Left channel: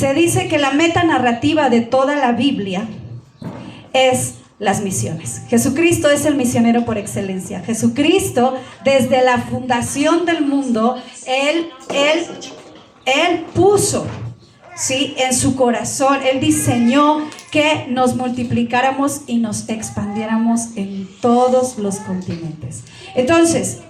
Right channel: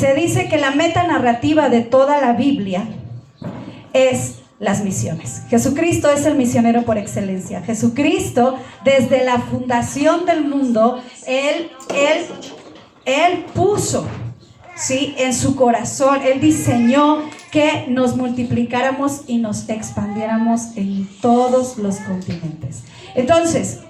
Se dice que la meta narrativa de toda la Biblia es las misiones. Jesucristo es el misionero por excelencia. Jesucristo, desde la fundación del mundo, Él puso, ¿sí?, en su corazón, Él diseñó que nos multiplicáramos y nos expandiéramos en todos los continentes. Entonces,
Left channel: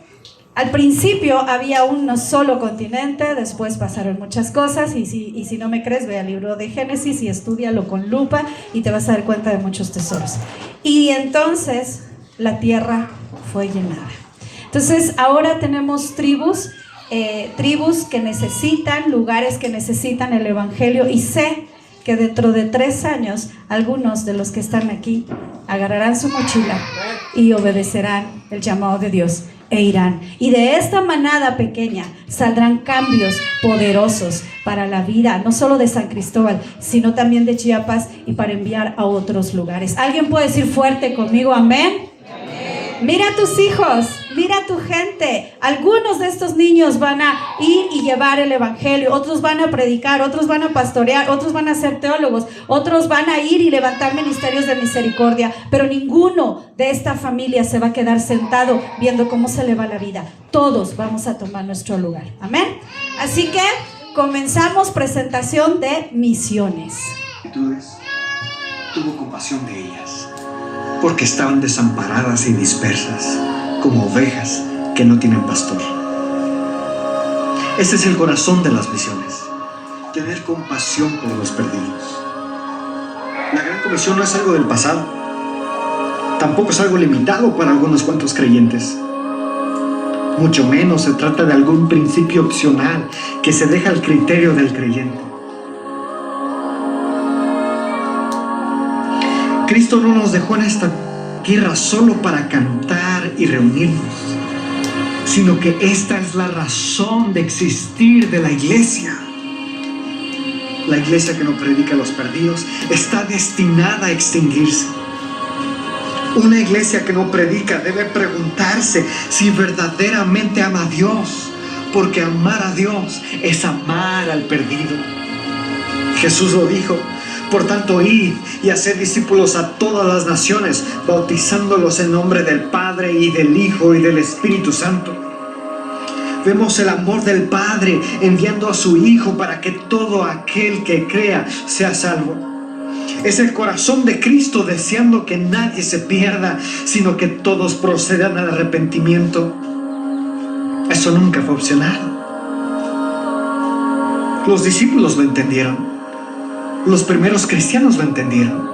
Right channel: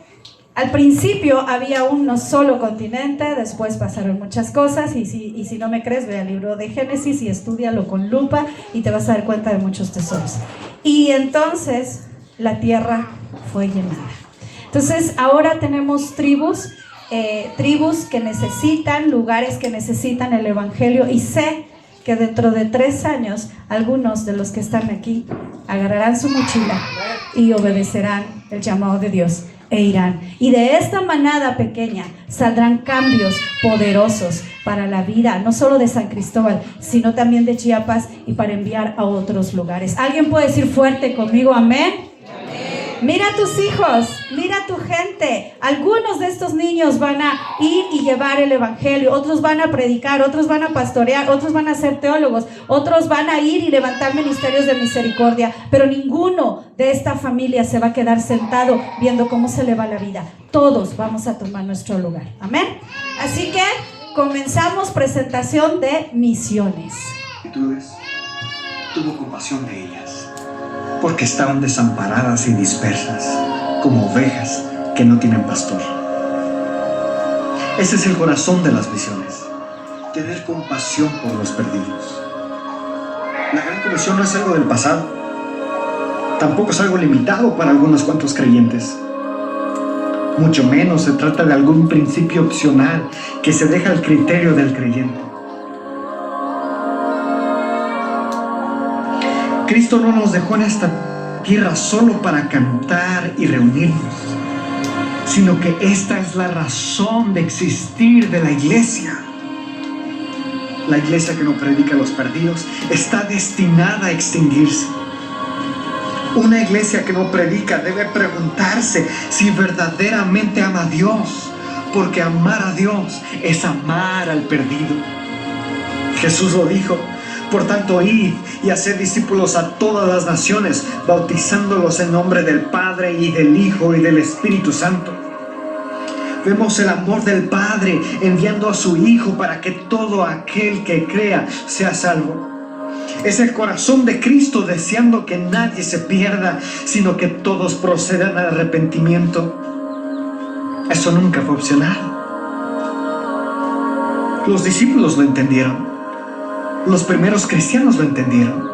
al principio había un solo continente, después pasaron muchas cosas, y si no me crees, ve al libro de Génesis y estúdialo con lupa y te vas a dar cuenta de muchos tesoros. Y entonces la tierra fue llenada. Entonces ahora tenemos tribus que necesitan, lugares que necesitan el evangelio, y sé que dentro de 3 años algunos de los que están aquí agarrarán su mochila y obedecerán el llamado de Dios e irán. Y de esta manada pequeña saldrán cambios poderosos para la vida, no solo de San Cristóbal, sino también de Chiapas, y para enviar a otros lugares. ¿Alguien puede decir fuerte conmigo amén? Mira a tus hijos, mira a tu gente. Algunos de estos niños van a ir y llevar el evangelio, otros van a predicar, otros van a pastorear, otros van a ser teólogos, otros van a ir y levantar ministerios de misericordia, pero ninguno de esta familia se va a quedar sentado viendo cómo se le va la vida. Todos vamos a tomar nuestro lugar, amén. Así que comenzamos presentación de misiones. Tuvo compasión de ellas, porque estaban desamparadas y dispersas, como ovejas que no tienen pastor. Ese es el corazón de las misiones, tener compasión por los perdidos. La Gran Comisión no es algo del pasado, tampoco es algo limitado para algunos cuantos creyentes. Mucho menos se trata de algún principio opcional que se deja al criterio del creyente. Cristo no nos dejó en esta tierra solo para cantar y reunirnos, sino que esta es la razón de existir de la iglesia. La iglesia que no predica a los perdidos está destinada a extinguirse. Una iglesia que no predica debe preguntarse si verdaderamente ama a Dios, porque amar a Dios es amar al perdido. Jesús lo dijo: por tanto, id y haced discípulos a todas las naciones, bautizándolos en nombre del Padre y del Hijo y del Espíritu Santo. Vemos el amor del Padre enviando a su Hijo para que todo aquel que crea sea salvo. Es el corazón de Cristo deseando que nadie se pierda, sino que todos procedan al arrepentimiento. Eso nunca fue opcional. Los discípulos lo entendieron. Los primeros cristianos lo entendieron,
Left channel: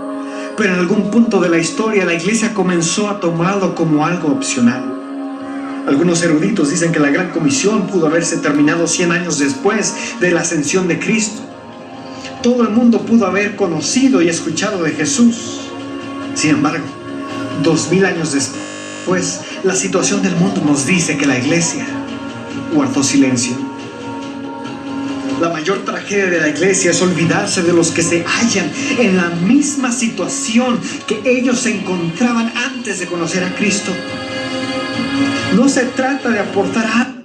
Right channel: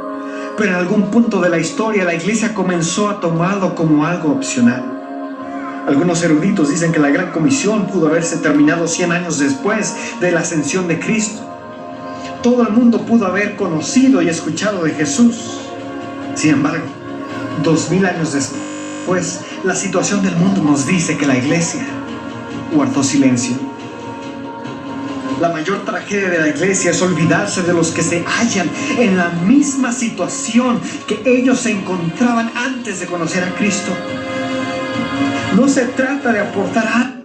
pero en algún punto de la historia la iglesia comenzó a tomarlo como algo opcional. Algunos eruditos dicen que la Gran Comisión pudo haberse terminado 100 años después de la ascensión de Cristo. Todo el mundo pudo haber conocido y escuchado de Jesús. Sin embargo, 2000 años después, la situación del mundo nos dice que la iglesia guardó silencio. La mayor tragedia de la iglesia es olvidarse de los que se hallan en la misma situación que ellos se encontraban antes de conocer a Cristo. No se trata de aportar algo.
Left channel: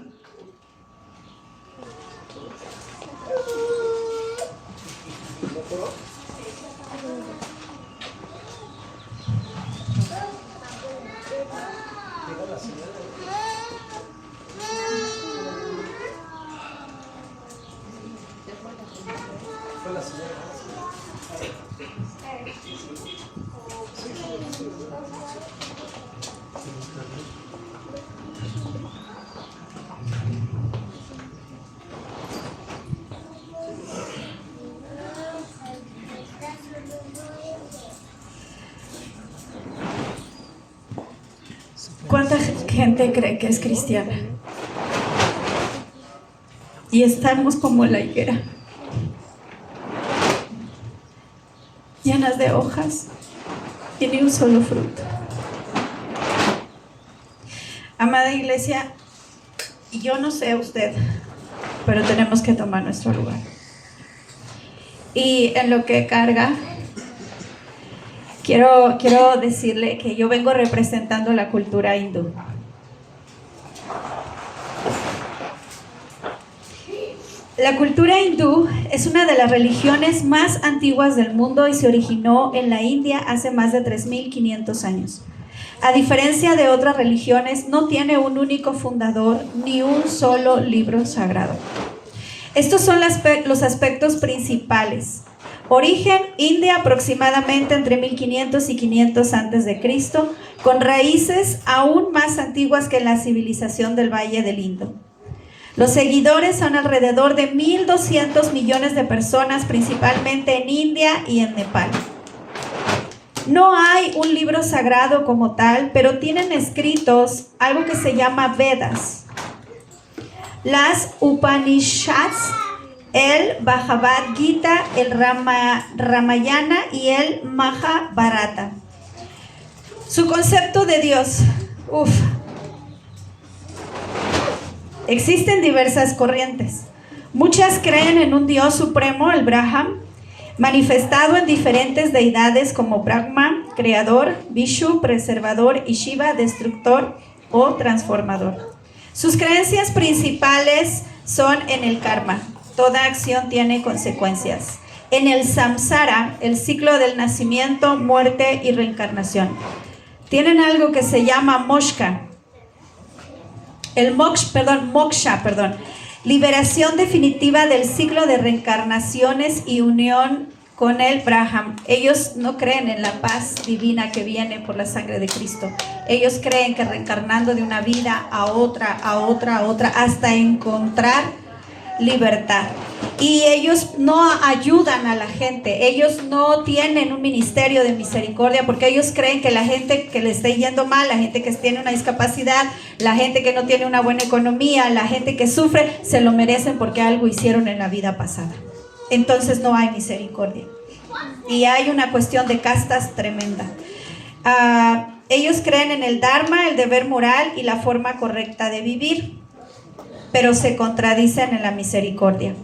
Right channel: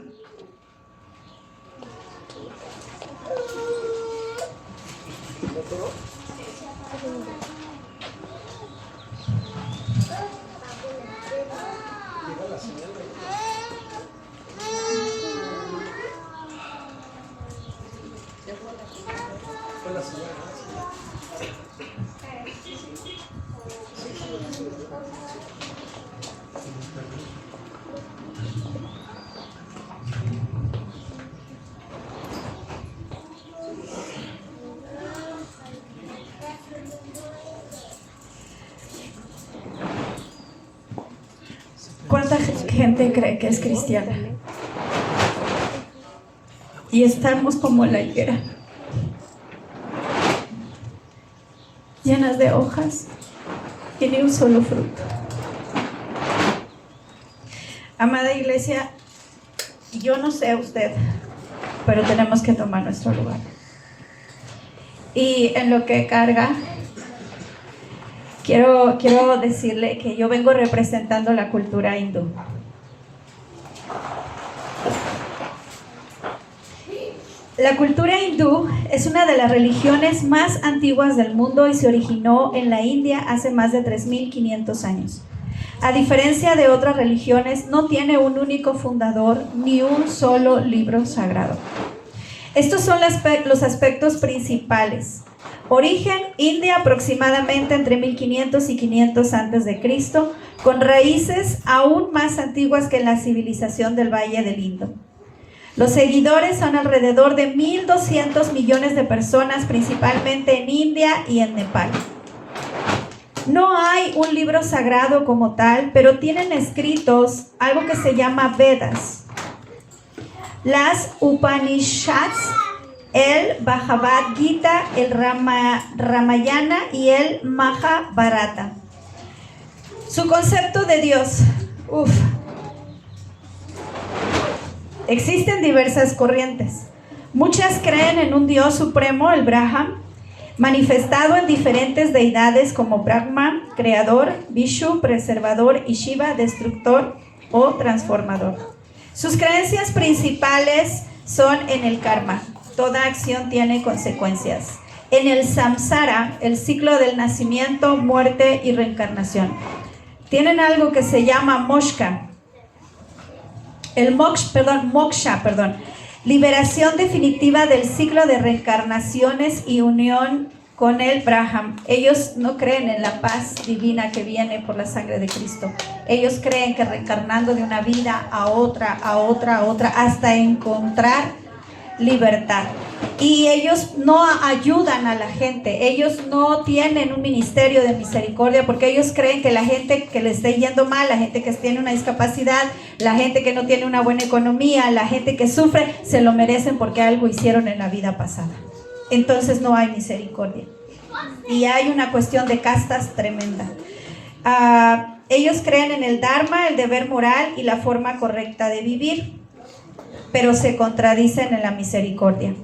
¿Cuánta gente cree que es cristiana? Y estamos como la higuera, llenas de hojas y ni un solo fruto. Amada iglesia, yo no sé usted, pero tenemos que tomar nuestro lugar. Y en lo que carga, quiero decirle que yo vengo representando la cultura hindú. La cultura hindú es una de las religiones más antiguas del mundo y se originó en la India hace más de 3.500 años. A diferencia de otras religiones, no tiene un único fundador ni un solo libro sagrado. Estos son los aspectos principales. Origen: India, aproximadamente entre 1500 y 500 a.C., con raíces aún más antiguas que la civilización del Valle del Indo. Los seguidores son alrededor de 1.200 millones de personas, principalmente en India y en Nepal. No hay un libro sagrado como tal, pero tienen escritos algo que se llama Vedas, las Upanishads, el Bhagavad Gita, el Ramayana y el Mahabharata. Su concepto de Dios. Existen diversas corrientes. Muchas creen en un Dios supremo, el Brahman, manifestado en diferentes deidades como Brahma, creador, Vishnu, preservador, y Shiva, destructor o transformador. Sus creencias principales son en el karma. Toda acción tiene consecuencias. En el samsara, el ciclo del nacimiento, muerte y reencarnación. Tienen algo que se llama moksha. Moksha, liberación definitiva del ciclo de reencarnaciones y unión con el Brahman. Ellos no creen en la paz divina que viene por la sangre de Cristo. Ellos creen que reencarnando de una vida a otra, hasta encontrar libertad. Y ellos no ayudan a la gente, ellos no tienen un ministerio de misericordia, porque ellos creen que la gente que le esté yendo mal, la gente que tiene una discapacidad, la gente que no tiene una buena economía, la gente que sufre, se lo merecen porque algo hicieron en la vida pasada. Entonces no hay misericordia. Y hay una cuestión de castas tremenda. Ellos creen en el Dharma, el deber moral y la forma correcta de vivir, pero se contradicen en la misericordia.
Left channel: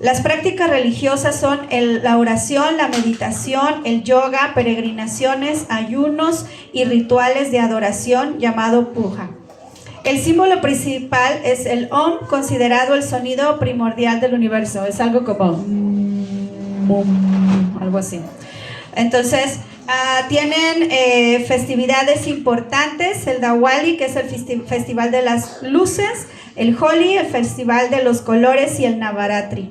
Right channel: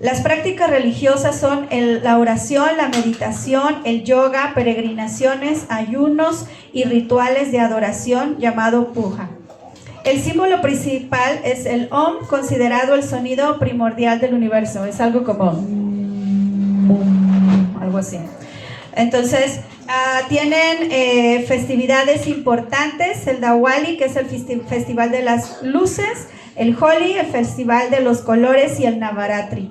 Las prácticas religiosas son la oración, la meditación, el yoga, peregrinaciones, ayunos y rituales de adoración llamado puja. El símbolo principal es el Om, considerado el sonido primordial del universo. Es algo como algo así. Entonces, tienen festividades importantes: el Diwali, que es el festival de las luces, el Holi, el festival de los colores, y el Navaratri.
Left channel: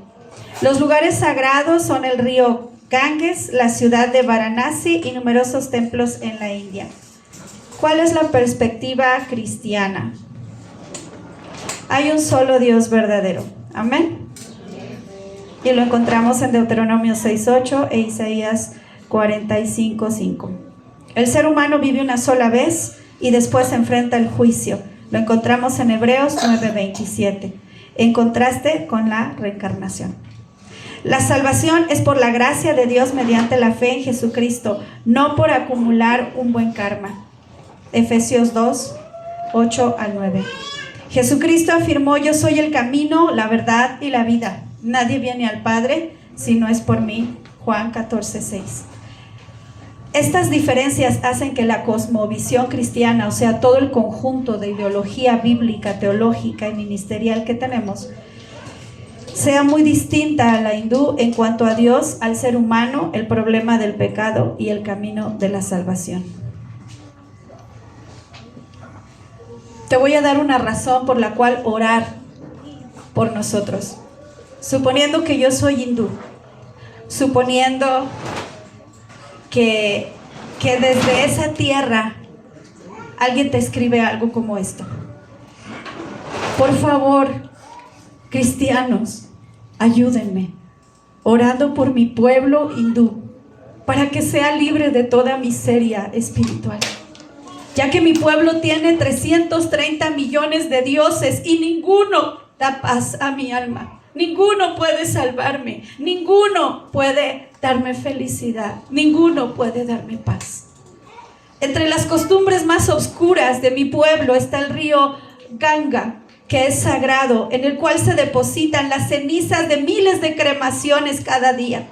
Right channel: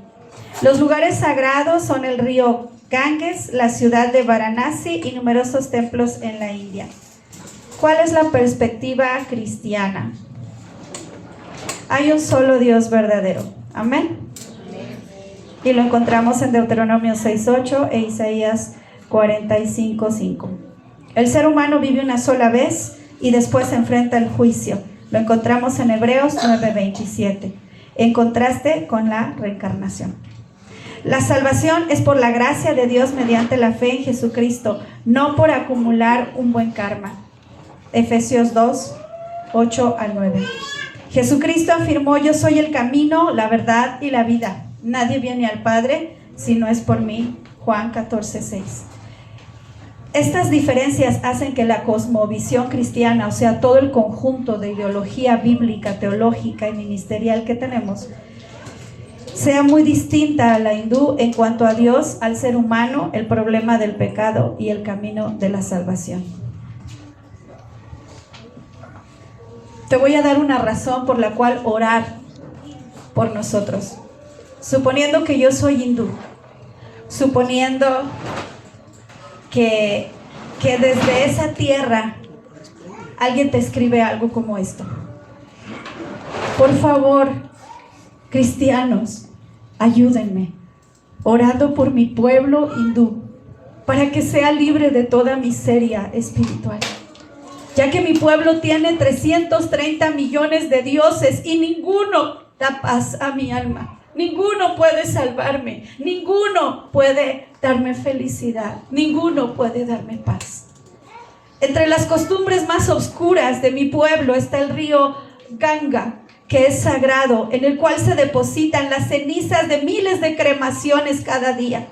Los lugares sagrados son el río Ganges, la ciudad de Varanasi y numerosos templos en la India. ¿Cuál es la perspectiva cristiana? Hay un solo Dios verdadero. Amén. Y lo encontramos en Deuteronomio 6:8 e Isaías 45:5. El ser humano vive una sola vez y después se enfrenta al juicio. Lo encontramos en Hebreos 9:27, en contraste con la reencarnación. La salvación es por la gracia de Dios mediante la fe en Jesucristo, no por acumular un buen karma. Efesios 2:8-9. Jesucristo afirmó: yo soy el camino, la verdad y la vida. Nadie viene al Padre si no es por mí. Juan 14:6. Estas diferencias hacen que la cosmovisión cristiana, o sea, todo el conjunto de ideología bíblica, teológica y ministerial que tenemos, sea muy distinta a la hindú en cuanto a Dios, al ser humano, el problema del pecado y el camino de la salvación. Te voy a dar una razón por la cual orar por nosotros. Suponiendo que yo soy hindú, suponiendo que desde esa tierra alguien te escribe algo como esto: por favor, cristianos, ayúdenme orando por mi pueblo hindú para que sea libre de toda miseria espiritual, ya que mi pueblo tiene 330 millones de dioses y ninguno da paz a mi alma. Ninguno puede salvarme, ninguno puede darme felicidad, ninguno puede darme paz. Entre las costumbres más oscuras de mi pueblo está el río Ganga, que es sagrado, en el cual se depositan las cenizas de miles de cremaciones cada día.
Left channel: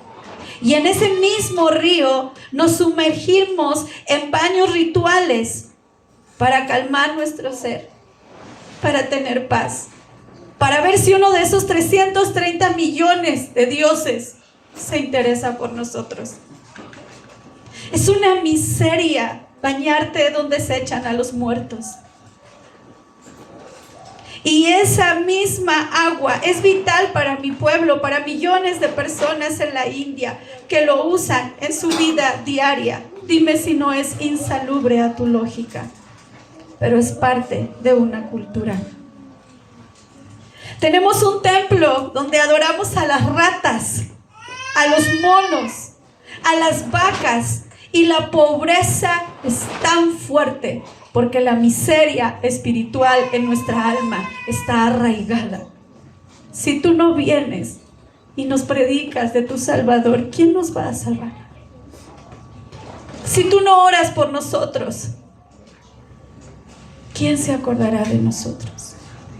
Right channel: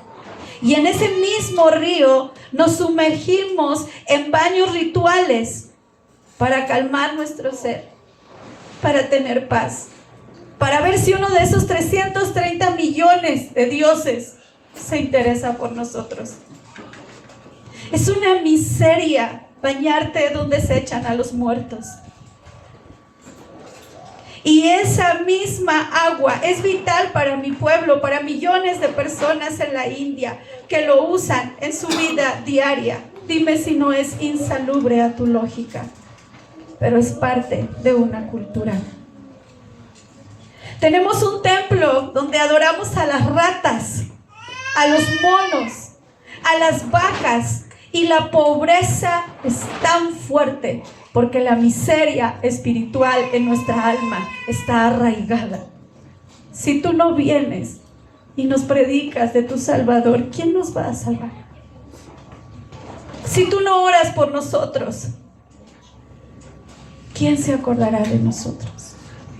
Y en ese mismo río nos sumergimos en baños rituales para calmar nuestro ser, para tener paz. para ver si uno de esos 330 millones de dioses se interesa por nosotros. Es una miseria bañarte donde se echan a los muertos. Y esa misma agua es vital para mi pueblo, para millones de personas en la India que lo usan en su vida diaria. Dime si no es insalubre a tu lógica, pero es parte de una cultura. Tenemos un templo donde adoramos a las ratas, a los monos, a las vacas, y la pobreza es tan fuerte porque la miseria espiritual en nuestra alma está arraigada. Si tú no vienes y nos predicas de tu Salvador, ¿quién nos va a salvar? Si tú no oras por nosotros, ¿quién se acordará de nosotros?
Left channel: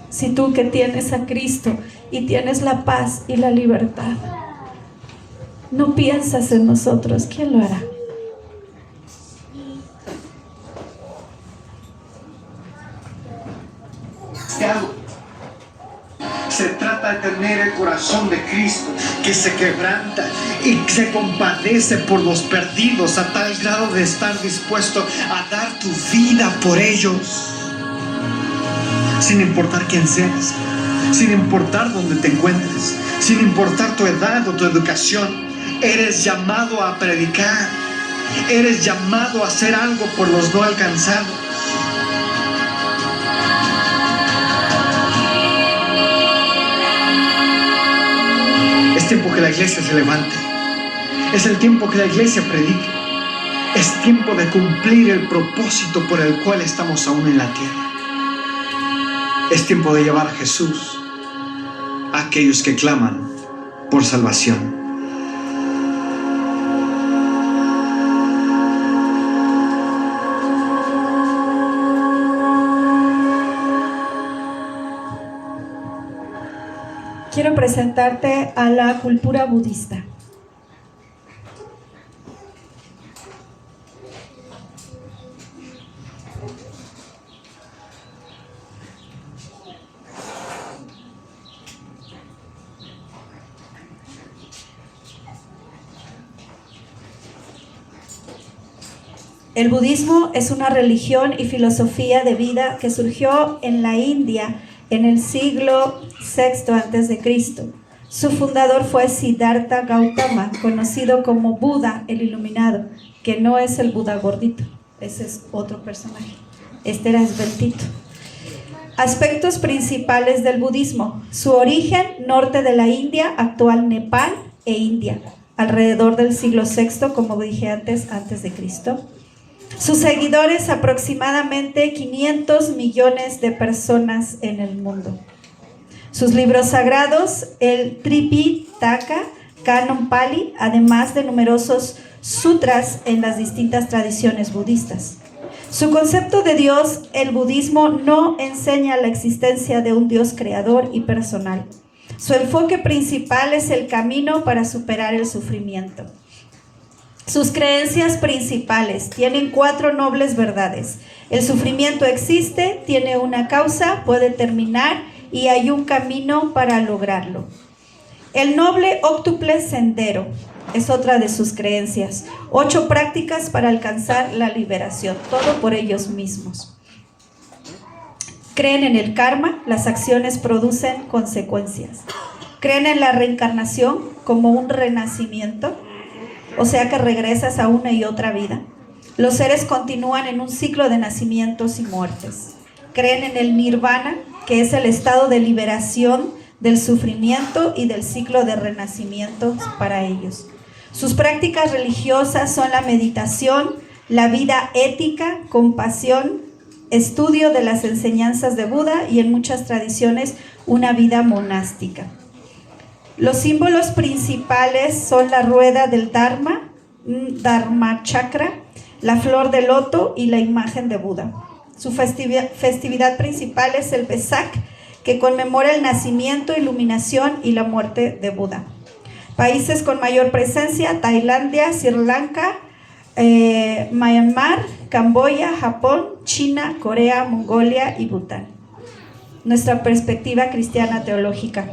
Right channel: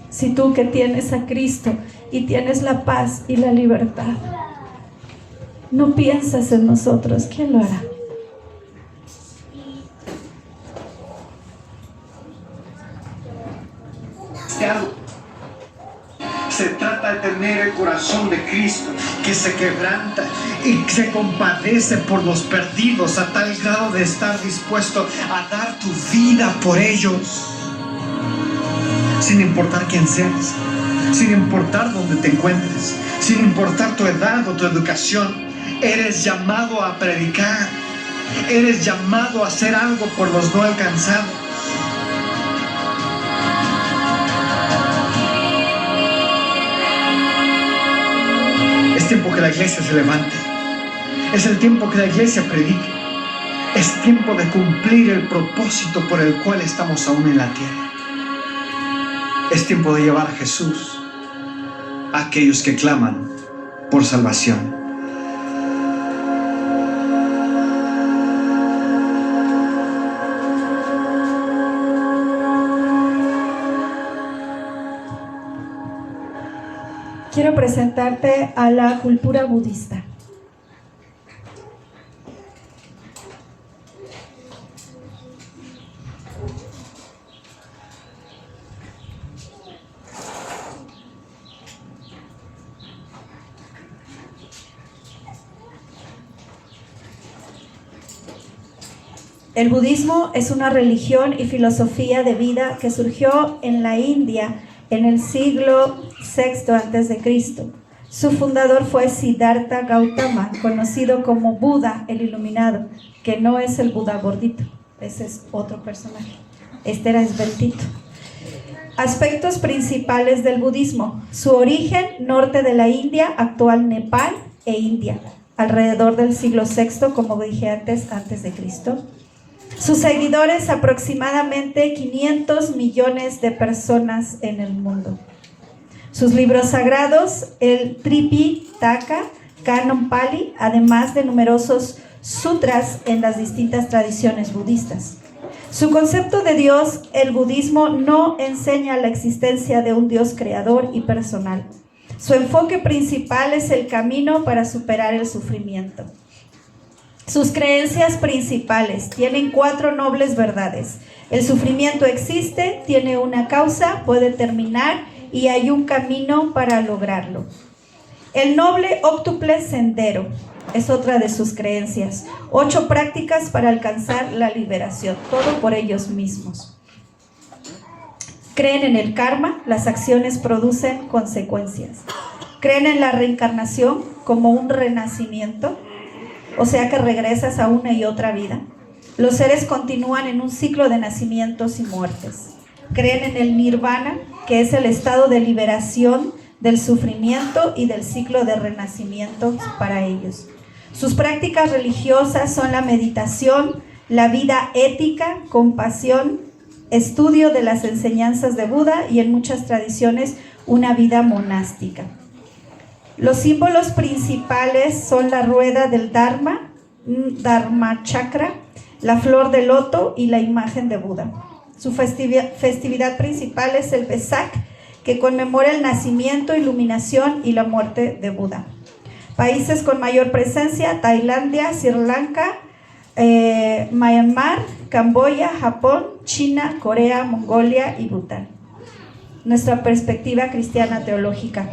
Si tú que tienes a Cristo y tienes la paz y la libertad, no piensas en nosotros, ¿quién lo hará? Se trata de tener el corazón de Cristo, que se quebranta y se compadece por los perdidos a tal grado de estar dispuesto a dar tu vida por ellos, sin importar quién seas, sin importar dónde te encuentres, sin importar tu edad o tu educación. Eres llamado a predicar, eres llamado a hacer algo por los no alcanzados. Es tiempo que la iglesia se levante. Es el tiempo que la iglesia predique. Es tiempo de cumplir el propósito por el cual estamos aún en la tierra. Es tiempo de llevar a Jesús a aquellos que claman por salvación. Quiero presentarte a la cultura budista. El budismo es una religión y filosofía de vida que surgió en la India en el siglo VI a.C. Su fundador fue Siddhartha Gautama, conocido como Buda el Iluminado, que no es el Buda gordito, ese es otro personaje, este era esbeltito. Aspectos principales del budismo: su origen, norte de la India, actual Nepal e India, alrededor del siglo VI, como dije antes de Cristo. Sus seguidores, aproximadamente 500 millones de personas en el mundo. Sus libros sagrados, el Tripitaka, Canon Pali, además de numerosos sutras en las distintas tradiciones budistas. Su concepto de Dios: el budismo no enseña la existencia de un Dios creador y personal. Su enfoque principal es el camino para superar el sufrimiento. Sus creencias principales tienen 4 nobles verdades. El sufrimiento existe, tiene una causa, puede terminar y hay un camino para lograrlo. El noble óctuple sendero es otra de sus creencias. 8 prácticas para alcanzar la liberación, todo por ellos mismos. Creen en el karma, las acciones producen consecuencias. Creen en la reencarnación como un renacimiento, o sea que regresas a una y otra vida. Los seres continúan en un ciclo de nacimientos y muertes. Creen en el nirvana, que es el estado de liberación del sufrimiento y del ciclo de renacimientos para ellos. Sus prácticas religiosas son la meditación, la vida ética, compasión, estudio de las enseñanzas de Buda y en muchas tradiciones una vida monástica. Los símbolos principales son la rueda del Dharma, Dharma Chakra, la flor de loto y la imagen de Buda. Su festividad principal es el Vesak, que conmemora el nacimiento, iluminación y la muerte de Buda. Países con mayor presencia: Tailandia, Sri Lanka, Myanmar, Camboya, Japón, China, Corea, Mongolia y Bután. nuestra perspectiva cristiana teológica.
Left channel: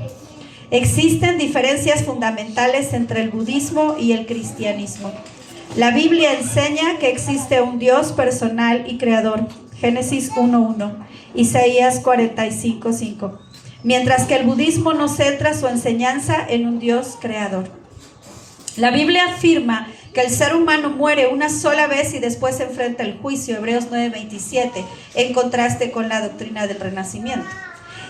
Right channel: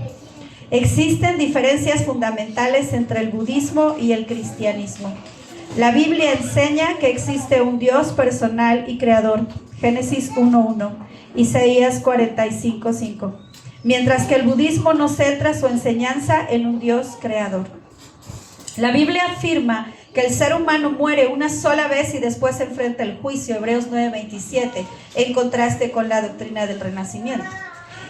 Existen diferencias fundamentales entre el budismo y el cristianismo. La Biblia enseña que existe un Dios personal y creador, Génesis 1:1, Isaías 45:5, mientras que el budismo no centra su enseñanza en un Dios creador. La Biblia afirma que el ser humano muere una sola vez y después se enfrenta al juicio, Hebreos 9:27, en contraste con la doctrina del renacimiento.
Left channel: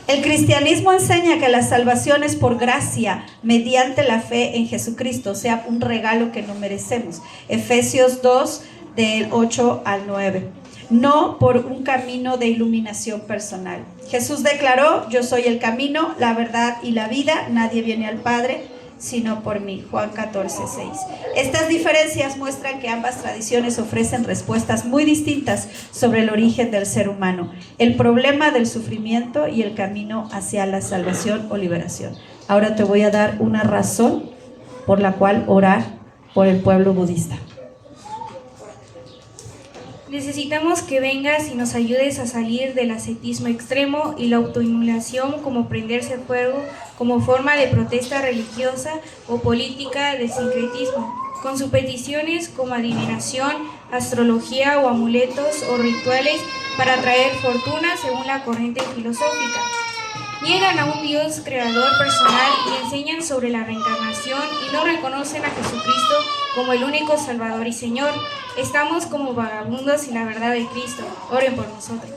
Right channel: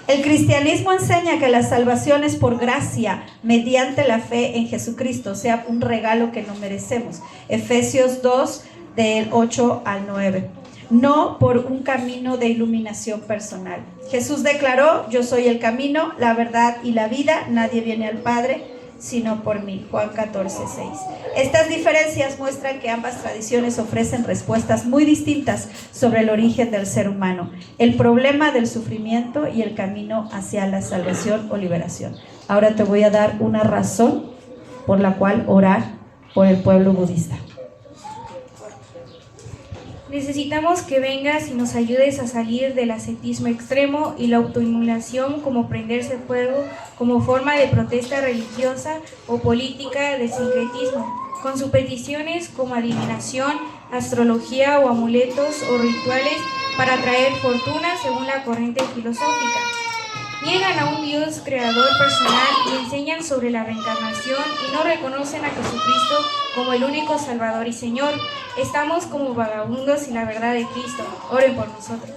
El cristianismo enseña que la salvación es por gracia, mediante la fe en Jesucristo, o sea, un regalo que no merecemos. Efesios 2, del 8 al 9. No por un camino de iluminación personal. Jesús declaró: yo soy el camino, la verdad y la vida. Nadie viene al Padre sino por mí. Juan 14:6. Estas diferencias muestran que ambas tradiciones ofrecen respuestas muy distintas sobre el origen del ser humano, el problema del sufrimiento y el camino hacia la salvación o liberación. Ahora te voy a dar una razón por la cual orar por el pueblo budista. Necesitamos que vengas y nos ayudes a salir del ascetismo extremo y la autoinmolación como prenderse fuego como forma de protesta religiosa o política del sincretismo, con sus peticiones como adivinación, astrología o amuletos o rituales para atraer fortuna según la corriente filosófica. Niegan a un Dios creador personal y enseñan sobre la reencarnación y no reconocen a Jesucristo como el único Salvador y Señor. Estamos como vagabundos sin la verdad de Cristo. Oren por nosotros.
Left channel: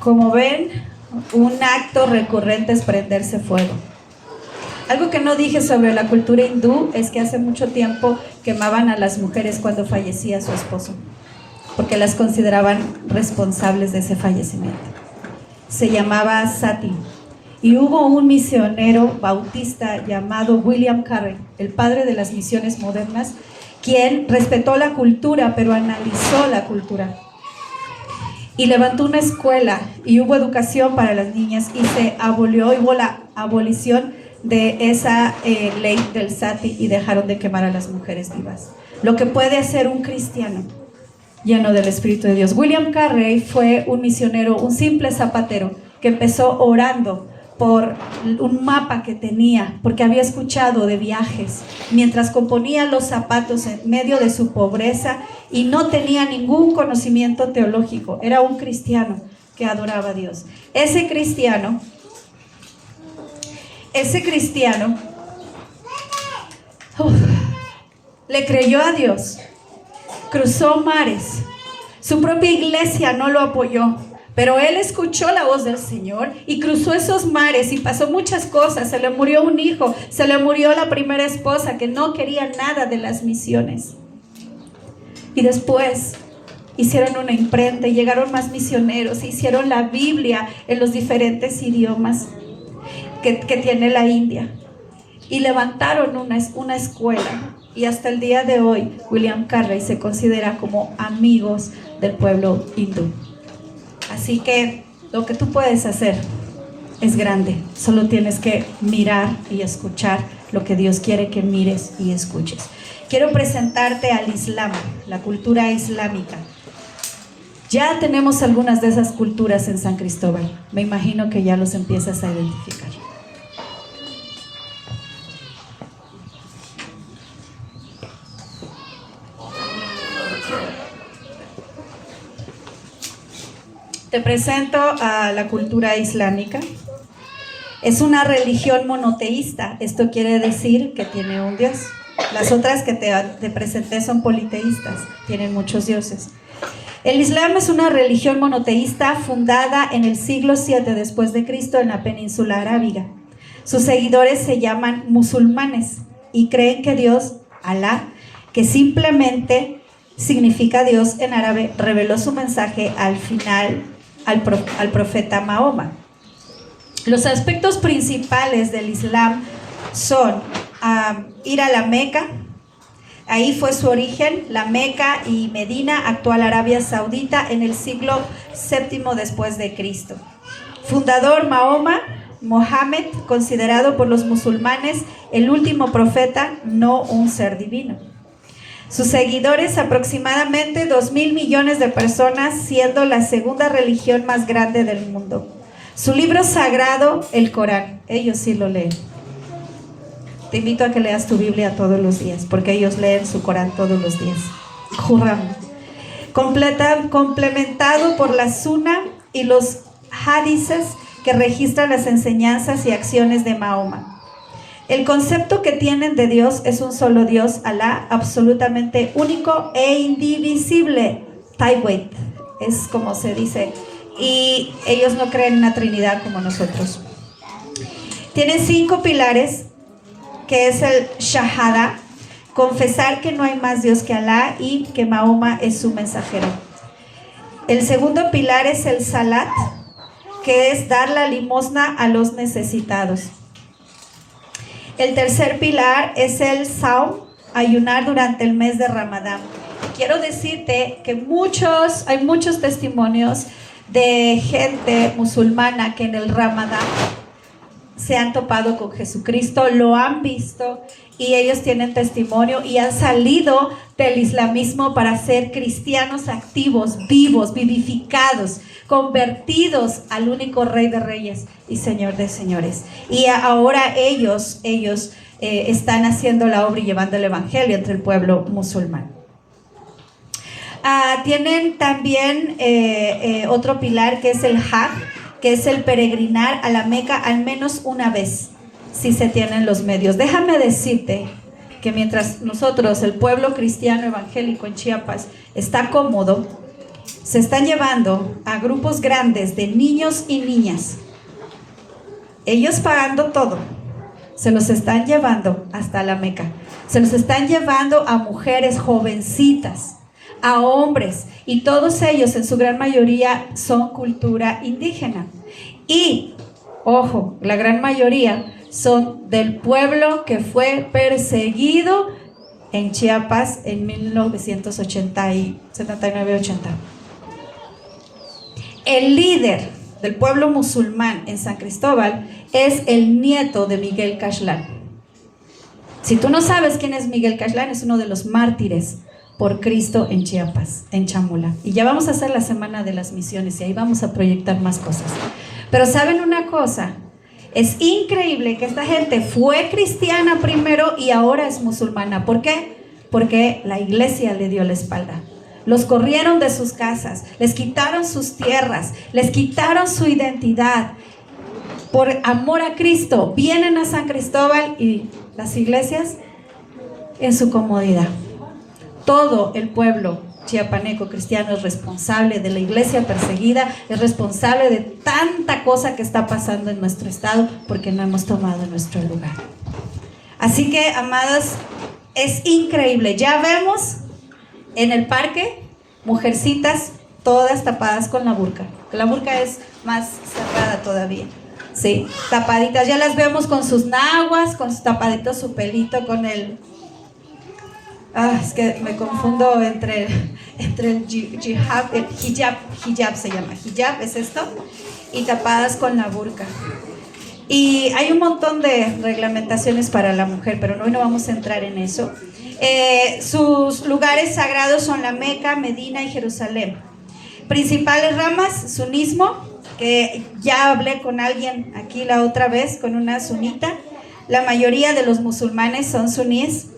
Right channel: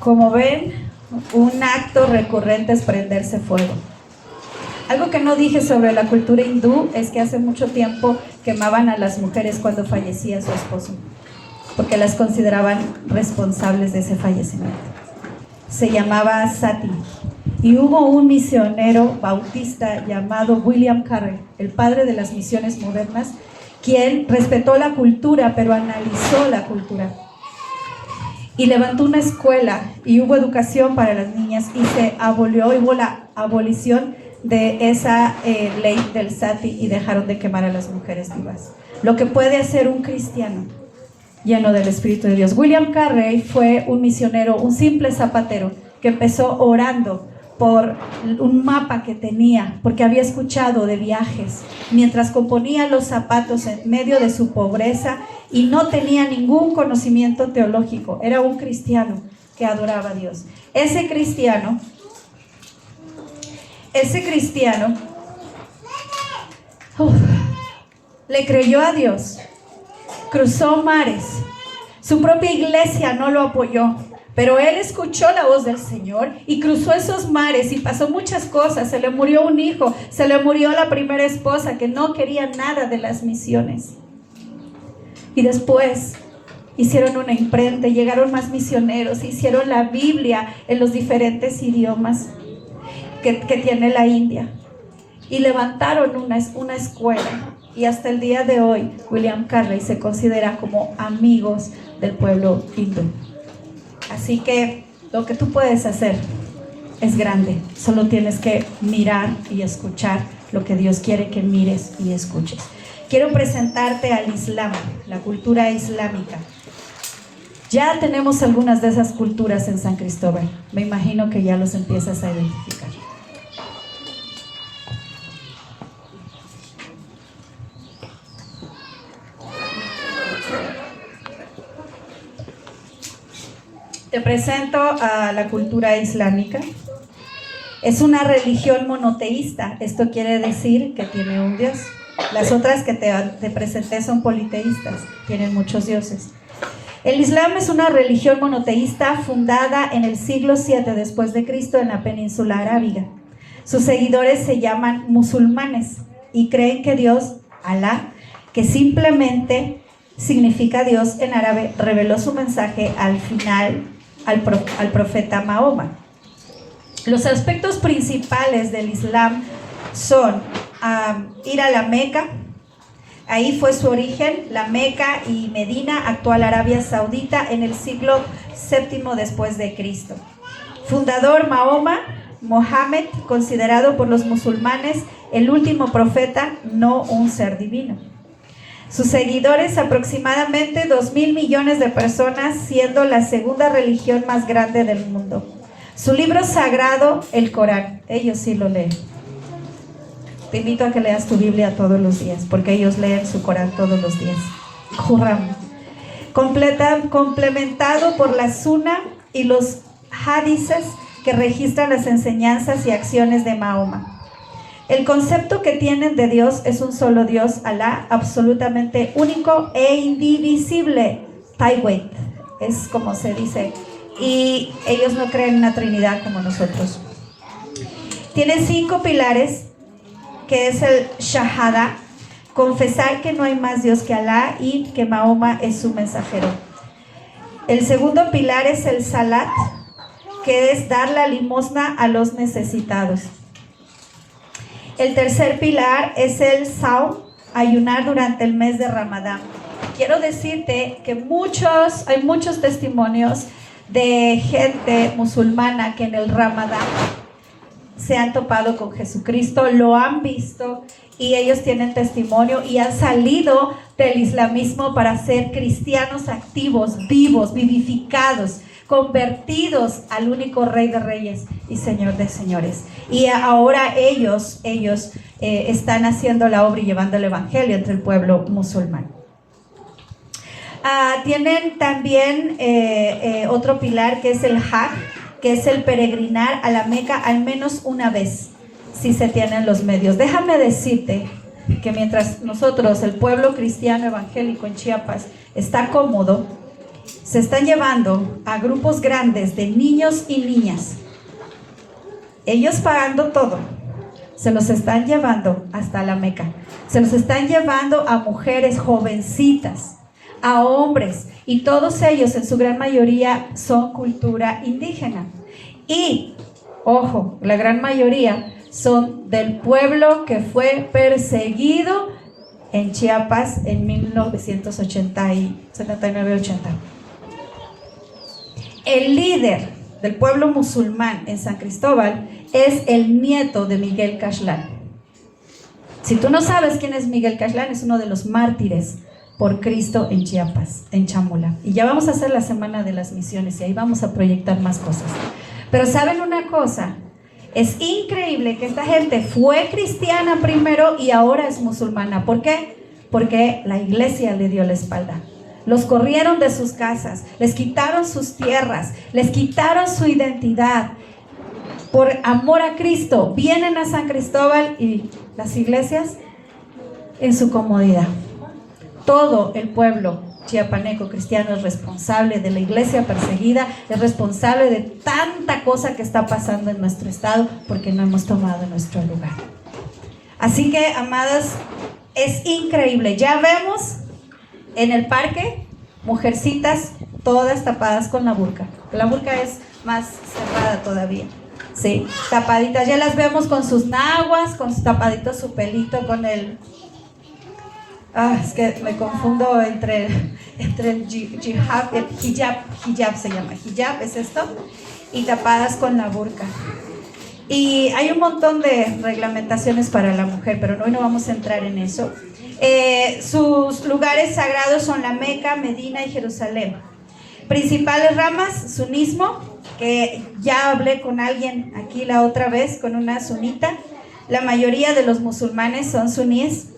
Como ven, un acto recurrente es prenderse fuego. Algo que no dije sobre la cultura hindú es que hace mucho tiempo quemaban a las mujeres cuando fallecía su esposo, porque las consideraban responsables de ese fallecimiento. Se llamaba sati. Y hubo un misionero bautista llamado William Carey, el padre de las misiones modernas, quien respetó la cultura, pero analizó la cultura. Y levantó una escuela y hubo educación para las niñas y se abolió, hubo la abolición de esa ley del sati y dejaron de quemar a las mujeres vivas. Lo que puede hacer un cristiano lleno del Espíritu de Dios. William Carey fue un misionero, un simple zapatero que empezó orando por un mapa que tenía, porque había escuchado de viajes, mientras componía los zapatos en medio de su pobreza y no tenía ningún conocimiento teológico. Era un cristiano que adoraba a Dios. Ese cristiano le creyó a Dios, cruzó mares, su propia iglesia no lo apoyó, pero él escuchó la voz del Señor y cruzó esos mares y pasó muchas cosas. Se le murió un hijo, se le murió la primera esposa que no quería nada de las misiones. Y después hicieron una imprenta y llegaron más misioneros, hicieron la Biblia en los diferentes idiomas que tiene la India. Y levantaron una escuela. Y hasta el día de hoy, William Carey se considera como amigos del pueblo hindú. Así que lo que tú puedes hacer es grande. Solo tienes que mirar y escuchar lo que Dios quiere que mires y escuches. Quiero presentarte al Islam, la cultura islámica. Ya tenemos algunas de esas culturas en San Cristóbal. Me imagino que ya los empiezas a identificar. Te presento a la cultura islámica. Es una religión monoteísta. Esto quiere decir que tiene un Dios. Las otras que te presenté son politeístas, tienen muchos dioses. El Islam es una religión monoteísta fundada en el siglo VII después de Cristo en la península arábiga. Sus seguidores se llaman musulmanes y creen que Dios, Alá, que simplemente significa Dios en árabe, reveló su mensaje al final al profeta Mahoma. Los aspectos principales del Islam son ir a la Meca. Ahí fue su origen, la Meca y Medina, actual Arabia Saudita, en el siglo VII después de Cristo. Fundador Mahoma, Mohammed, considerado por los musulmanes el último profeta, no un ser divino. Sus seguidores, aproximadamente 2.000 millones de personas, siendo la segunda religión más grande del mundo. Su libro sagrado, el Corán, ellos sí lo leen. Te invito a que leas tu Biblia todos los días, porque ellos leen su Corán todos los días. Juramos. Complementado por la Sunna y los hadices que registran las enseñanzas y acciones de Mahoma. El concepto que tienen de Dios es un solo Dios, Alá, absolutamente único e indivisible. Tawhid, es como se dice. Y ellos no creen en una Trinidad como nosotros. Tienen 5 pilares, que es el Shahada, confesar que no hay más Dios que Alá y que Mahoma es su mensajero. El segundo pilar es el Salat, que es dar la limosna a los necesitados. El tercer pilar es el Saum, ayunar durante el mes de Ramadán. Quiero decirte que hay muchos testimonios de gente musulmana que en el Ramadán se han topado con Jesucristo, lo han visto y ellos tienen testimonio y han salido del islamismo para ser cristianos activos, vivos, vivificados, convertidos al único Rey de Reyes y Señor de Señores. Y ahora ellos están haciendo la obra y llevando el evangelio entre el pueblo musulmán. Tienen también otro pilar que es el Hajj, que es el peregrinar a la Meca al menos una vez, si se tienen los medios. Déjame decirte que mientras nosotros, el pueblo cristiano evangélico en Chiapas, está cómodo, se están llevando a grupos grandes de niños y niñas, ellos pagando todo, se los están llevando hasta la Meca, se los están llevando a mujeres jovencitas, a hombres, y todos ellos en su gran mayoría son cultura indígena. Y, ojo, la gran mayoría son del pueblo que fue perseguido en Chiapas en 1979-80. El líder del pueblo musulmán en San Cristóbal es el nieto de Miguel Cashlán. Si tú no sabes quién es Miguel Cashlán, es uno de los mártires por Cristo en Chiapas, en Chamula. Y ya vamos a hacer la semana de las misiones y ahí vamos a proyectar más cosas. Pero ¿saben una cosa? Es increíble que esta gente fue cristiana primero y ahora es musulmana. ¿Por qué? Porque la iglesia le dio la espalda. Los corrieron de sus casas, les quitaron sus tierras, les quitaron su identidad. Por amor a Cristo, vienen a San Cristóbal y las iglesias en su comodidad. Todo el pueblo chiapaneco cristiano es responsable de la iglesia perseguida, es responsable de tanta cosa que está pasando en nuestro estado porque no hemos tomado nuestro lugar. Así que, amadas, es increíble. Ya vemos en el parque mujercitas todas tapadas con la burka. La burka es más cerrada todavía. Sí, tapaditas. Ya las vemos con sus naguas, con sus tapaditos, su pelito, con el... es que me confundo entre el hijab, el hijab se llama, hijab es esto, y tapadas con la burka. Y hay un montón de reglamentaciones para la mujer, pero hoy no vamos a entrar en eso. Sus lugares sagrados son la Meca, Medina y Jerusalén. Principales ramas, sunismo, que ya hablé con alguien aquí la otra vez, con una sunita. La mayoría de los musulmanes son suníes.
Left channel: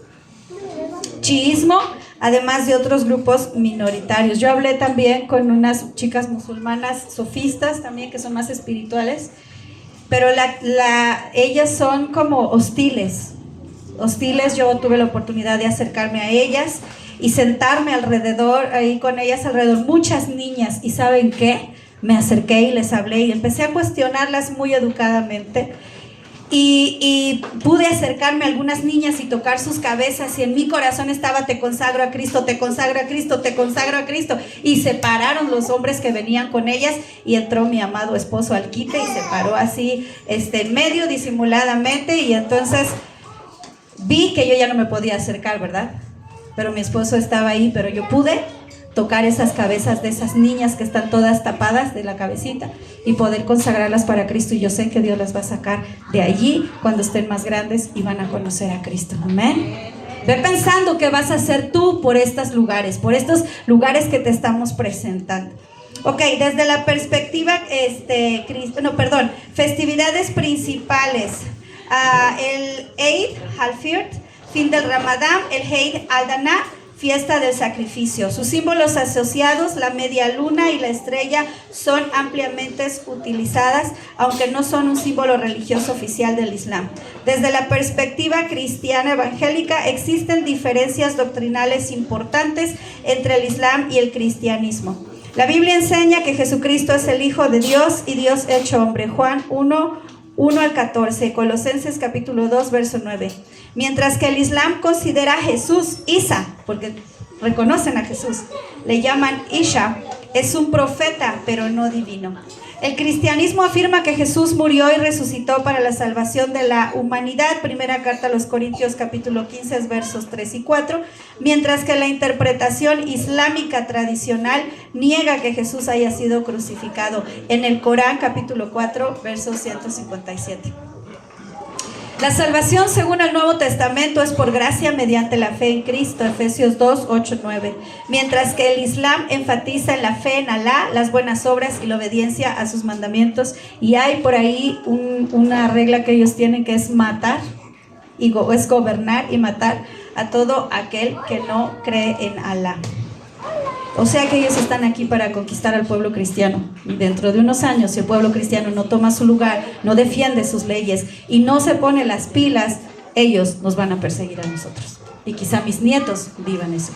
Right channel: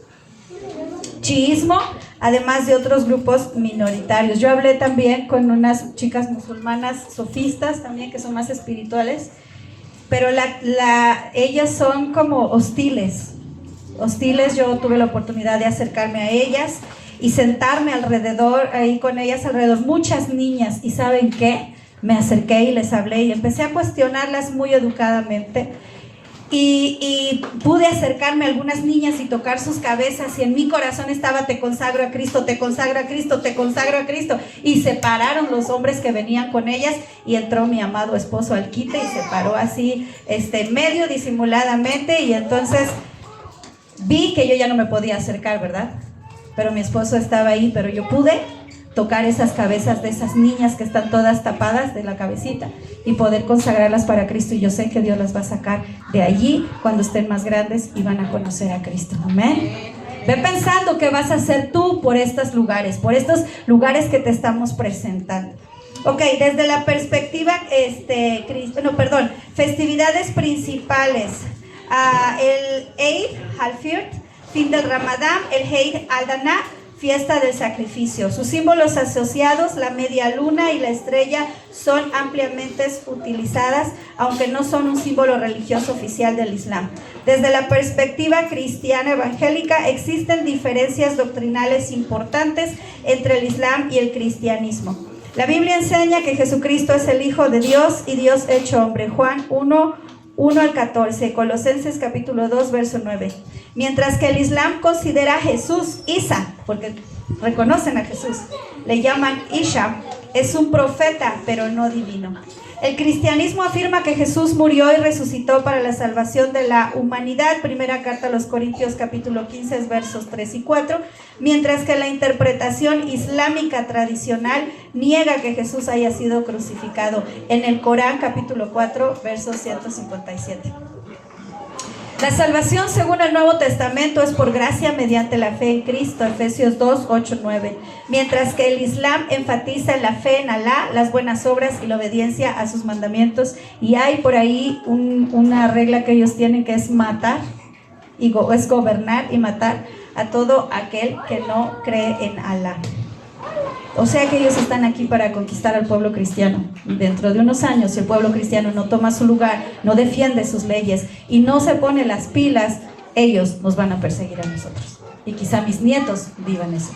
Chiismo, además de otros grupos minoritarios. Yo hablé también con unas chicas musulmanas sofistas también, que son más espirituales, pero ellas son como hostiles. Yo tuve la oportunidad de acercarme a ellas y sentarme alrededor, ahí con ellas alrededor, muchas niñas, y ¿saben qué? Me acerqué y les hablé y empecé a cuestionarlas muy educadamente. Y pude acercarme a algunas niñas y tocar sus cabezas, y en mi corazón estaba: te consagro a Cristo, te consagro a Cristo, te consagro a Cristo. Y se pararon los hombres que venían con ellas, y entró mi amado esposo al quite y se paró así, medio disimuladamente, y entonces vi que yo ya no me podía acercar, ¿verdad? Pero mi esposo estaba ahí, pero yo pude tocar esas cabezas de esas niñas que están todas tapadas de la cabecita y poder consagrarlas para Cristo. Y yo sé que Dios las va a sacar de allí cuando estén más grandes y van a conocer a Cristo. Amén. Ve pensando qué vas a hacer tú por estos lugares que te estamos presentando. Ok, desde la perspectiva, festividades principales. El Eid al-Fitr, fin del Ramadán, el Eid al-Adha, fiesta del sacrificio. Sus símbolos asociados, la media luna y la estrella, son ampliamente utilizadas, aunque no son un símbolo religioso oficial del Islam. Desde la perspectiva cristiana evangélica, existen diferencias doctrinales importantes entre el Islam y el cristianismo. La Biblia enseña que Jesucristo es el Hijo de Dios y Dios hecho hombre. Juan 1 al 14, Colosenses capítulo 2, verso 9. Mientras que el Islam considera a Jesús, Isa, porque reconocen a Jesús, le llaman Isha, es un profeta, pero no divino. El cristianismo afirma que Jesús murió y resucitó para la salvación de la humanidad, primera carta a los Corintios capítulo 15, versos 3 y 4, mientras que la interpretación islámica tradicional niega que Jesús haya sido crucificado, en el Corán capítulo 4, verso 157. La salvación según el Nuevo Testamento es por gracia mediante la fe en Cristo, Efesios 2, 8, 9. Mientras que el Islam enfatiza en la fe en Alá, las buenas obras y la obediencia a sus mandamientos. Y hay por ahí una regla que ellos tienen que es matar, es gobernar y matar a todo aquel que no cree en Alá. O sea que ellos están aquí para conquistar al pueblo cristiano. Y dentro de unos años, si el pueblo cristiano no toma su lugar, no defiende sus leyes y no se pone las pilas, ellos nos van a perseguir a nosotros. Y quizá mis nietos vivan eso.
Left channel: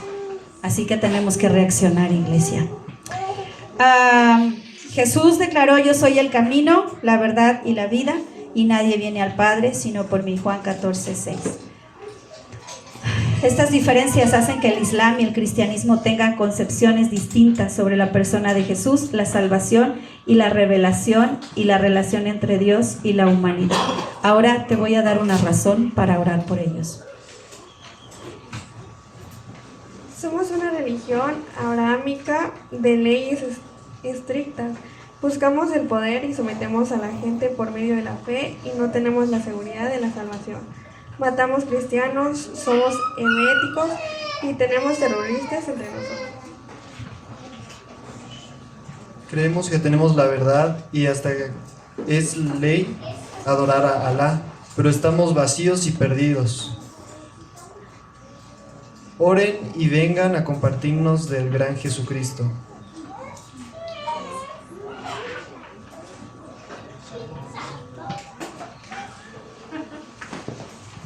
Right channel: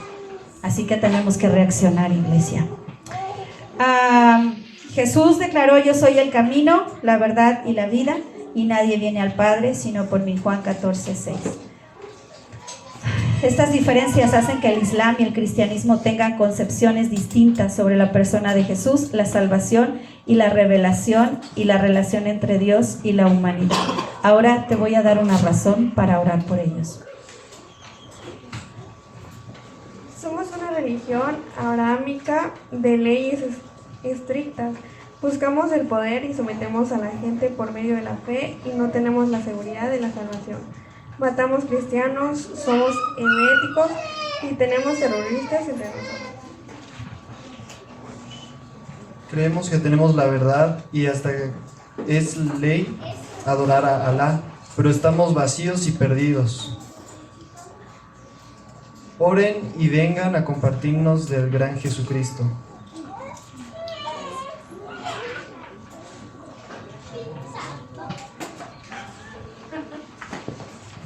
Así que tenemos que reaccionar, iglesia. Jesús declaró: yo soy el camino, la verdad y la vida, y nadie viene al Padre sino por mí. Juan 14, 6. Estas diferencias hacen que el Islam y el cristianismo tengan concepciones distintas sobre la persona de Jesús, la salvación y la revelación y la relación entre Dios y la humanidad. Ahora te voy a dar una razón para orar por ellos. Somos una religión abrahámica de leyes estrictas. Buscamos el poder y sometemos a la gente por medio de la fe y no tenemos la seguridad de la salvación. Matamos cristianos, somos heréticos y tenemos terroristas entre nosotros. Creemos que tenemos la verdad y hasta es ley adorar a Alá, pero estamos vacíos y perdidos. Oren y vengan a compartirnos del gran Jesucristo.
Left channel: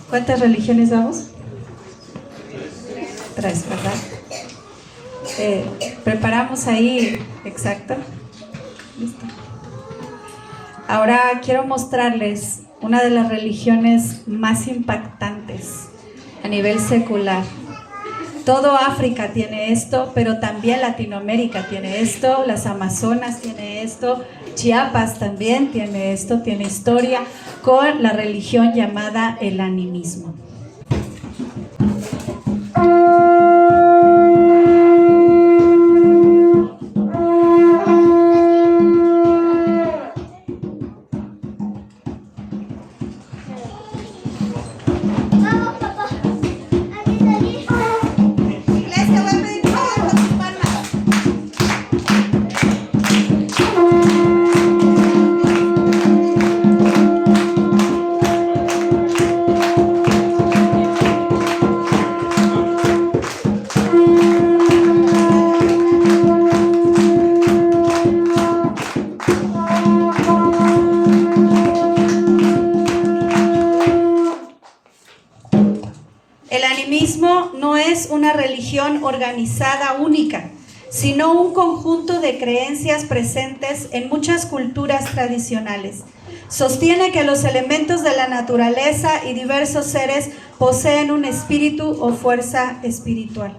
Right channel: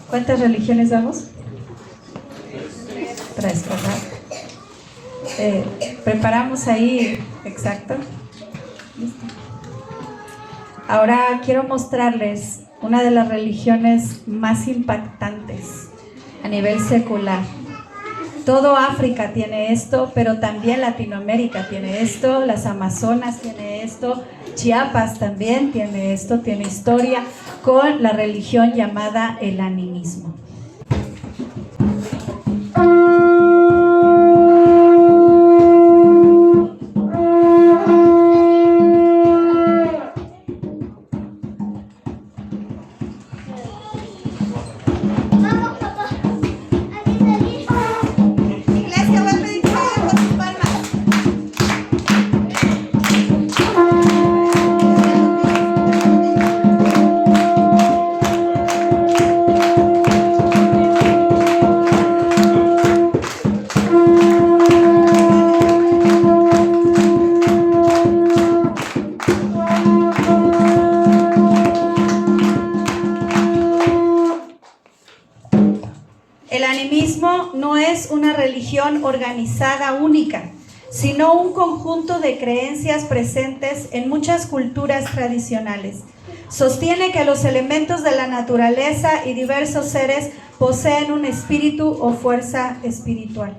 ¿Cuántas religiones vamos? 3, ¿verdad? Preparamos ahí, exacto. Listo. Ahora quiero mostrarles una de las religiones más impactantes a nivel secular. Todo África tiene esto, pero también Latinoamérica tiene esto, las Amazonas tiene esto, Chiapas también tiene esto, tiene historia con la religión llamada el animismo. Organizada única, sino un conjunto de creencias presentes en muchas culturas tradicionales. Sostiene que los elementos de la naturaleza y diversos seres poseen un espíritu o fuerza espiritual.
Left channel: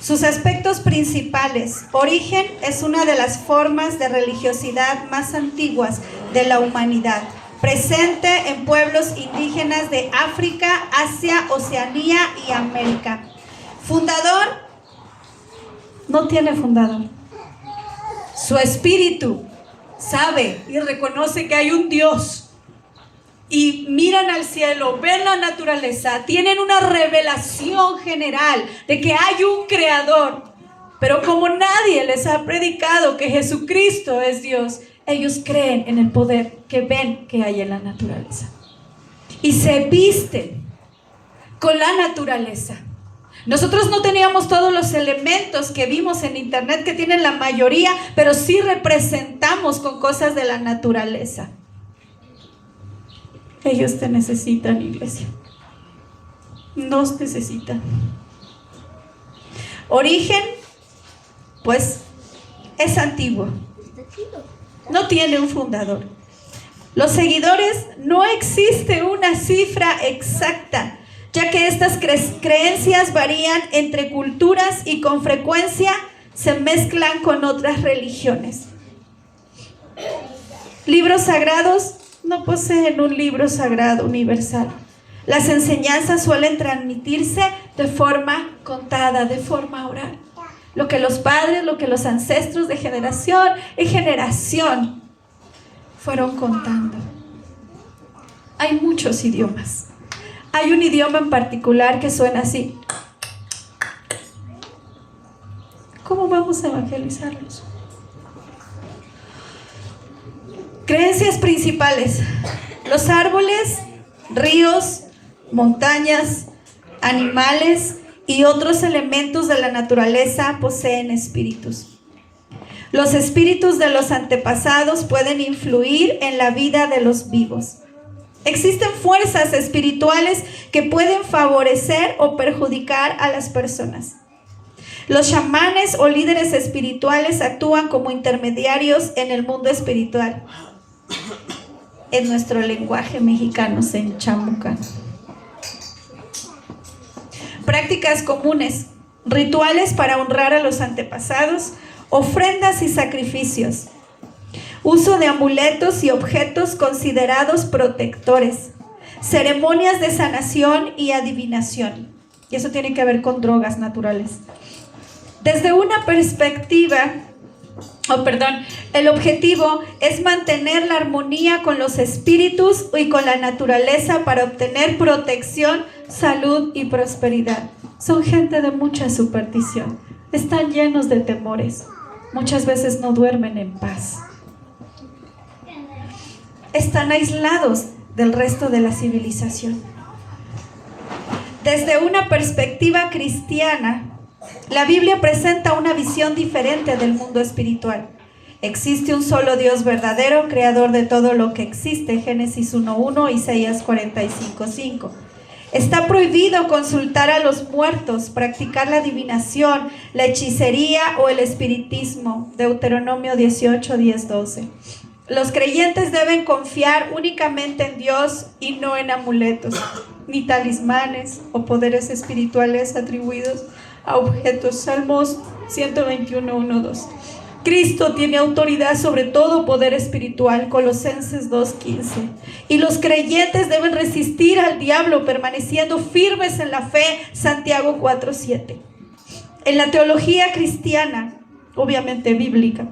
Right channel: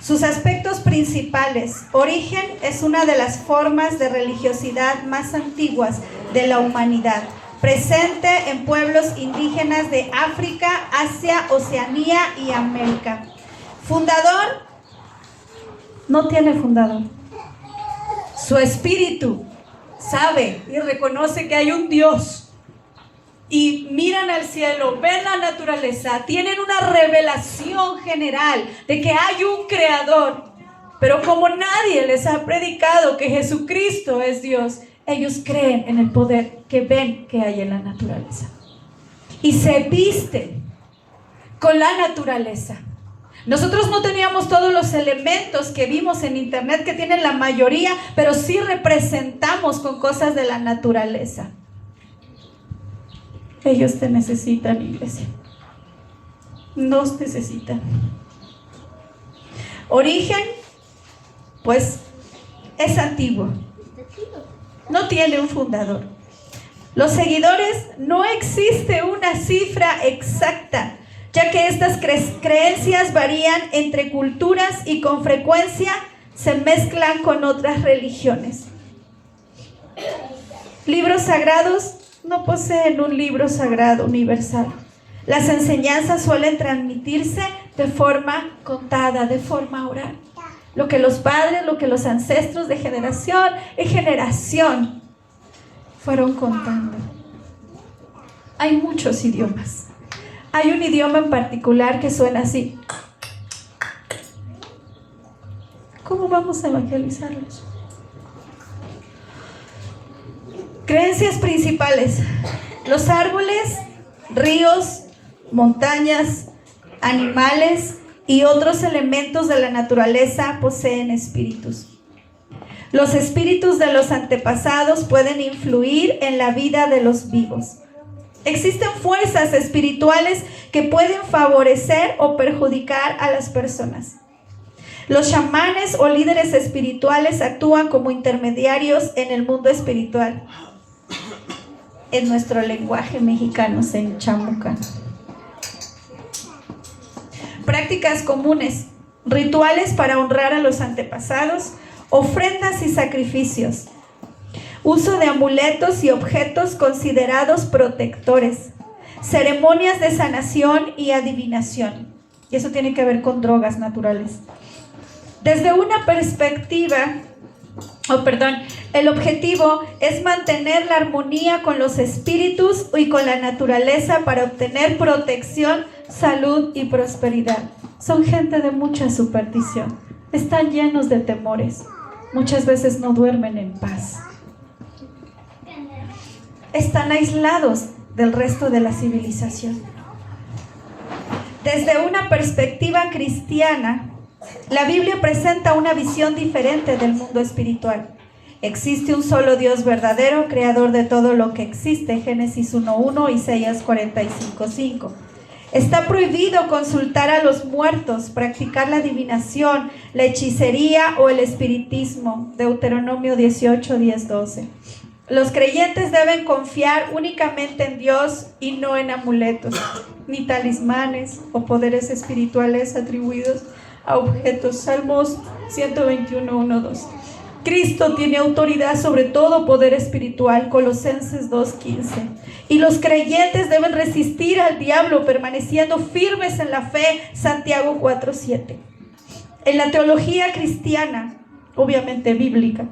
Sus aspectos principales: origen, es una de las formas de religiosidad más antiguas de la humanidad, presente en pueblos indígenas de África, Asia, Oceanía y América. Fundador, no tiene fundador. Su espíritu sabe y reconoce que hay un Dios. Y miran al cielo, ven la naturaleza, tienen una revelación general de que hay un creador. Pero como nadie les ha predicado que Jesucristo es Dios, ellos creen en el poder que ven que hay en la naturaleza. Y se visten con la naturaleza. Nosotros no teníamos todos los elementos que vimos en internet que tienen la mayoría, pero sí representamos con cosas de la naturaleza. Ellos te necesitan, iglesia. Nos necesitan. Origen, pues, es antiguo. No tiene un fundador. Los seguidores, no existe una cifra exacta, ya que estas creencias varían entre culturas y con frecuencia se mezclan con otras religiones. Libros sagrados no poseen un libro sagrado universal. Las enseñanzas suelen transmitirse de forma contada, de forma oral. Lo que los padres, lo que los ancestros de generación en generación fueron contando. Hay muchos idiomas. Hay un idioma en particular que suena así. ¿Cómo vamos a evangelizarlos? Creencias principales. Los árboles, ríos, montañas, animales y otros elementos de la naturaleza poseen espíritus. Los espíritus de los antepasados pueden influir en la vida de los vivos. Existen fuerzas espirituales que pueden favorecer o perjudicar a las personas. Los chamanes o líderes espirituales actúan como intermediarios en el mundo espiritual. En nuestro lenguaje mexicano se chamucan. Prácticas comunes, rituales para honrar a los antepasados, ofrendas y sacrificios. Uso de amuletos y objetos considerados protectores. Ceremonias de sanación y adivinación. Y eso tiene que ver con drogas naturales. Desde una perspectiva, el objetivo es mantener la armonía con los espíritus y con la naturaleza para obtener protección, salud y prosperidad. Son gente de mucha superstición. Están llenos de temores. Muchas veces no duermen en paz. Están aislados del resto de la civilización. Desde una perspectiva cristiana, la Biblia presenta una visión diferente del mundo espiritual. Existe un solo Dios verdadero, creador de todo lo que existe, Génesis 1:1, Isaías 45:5. Está prohibido consultar a los muertos, practicar la adivinación, la hechicería o el espiritismo, Deuteronomio 18:10-12. Los creyentes deben confiar únicamente en Dios y no en amuletos, ni talismanes o poderes espirituales atribuidos a objetos. Salmos 121:1-2. Cristo tiene autoridad sobre todo poder espiritual, Colosenses 2:15. Y los creyentes deben resistir al diablo permaneciendo firmes en la fe, Santiago 4:7. En la teología cristiana, obviamente bíblica,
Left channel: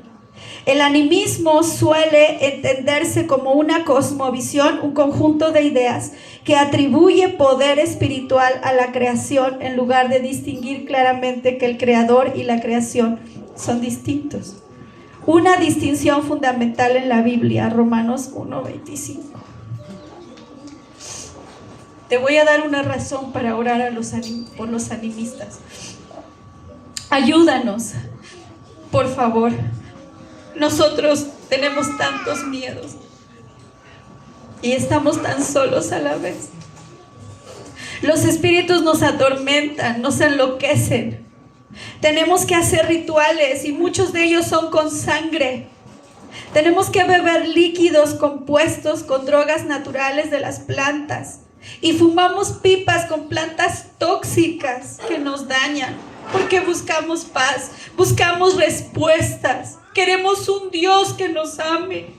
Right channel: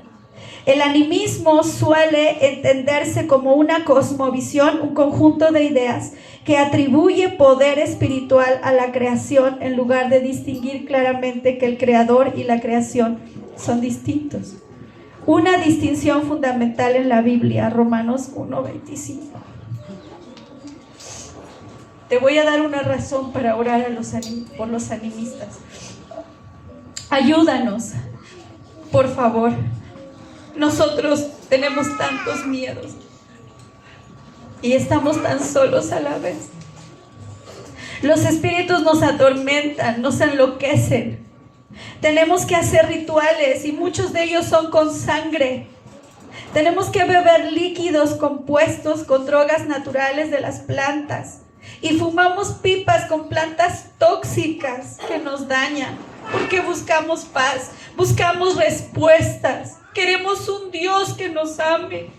el animismo suele entenderse como una cosmovisión, un conjunto de ideas que atribuye poder espiritual a la creación en lugar de distinguir claramente que el creador y la creación son distintos. Una distinción fundamental en la Biblia, Romanos 1:25. Te voy a dar una razón para orar por los animistas. Ayúdanos, por favor. Nosotros tenemos tantos miedos y estamos tan solos a la vez. Los espíritus nos atormentan, nos enloquecen. Tenemos que hacer rituales y muchos de ellos son con sangre. Tenemos que beber líquidos compuestos con drogas naturales de las plantas. Y fumamos pipas con plantas tóxicas que nos dañan. Porque buscamos paz, buscamos respuestas. Queremos un Dios que nos ame.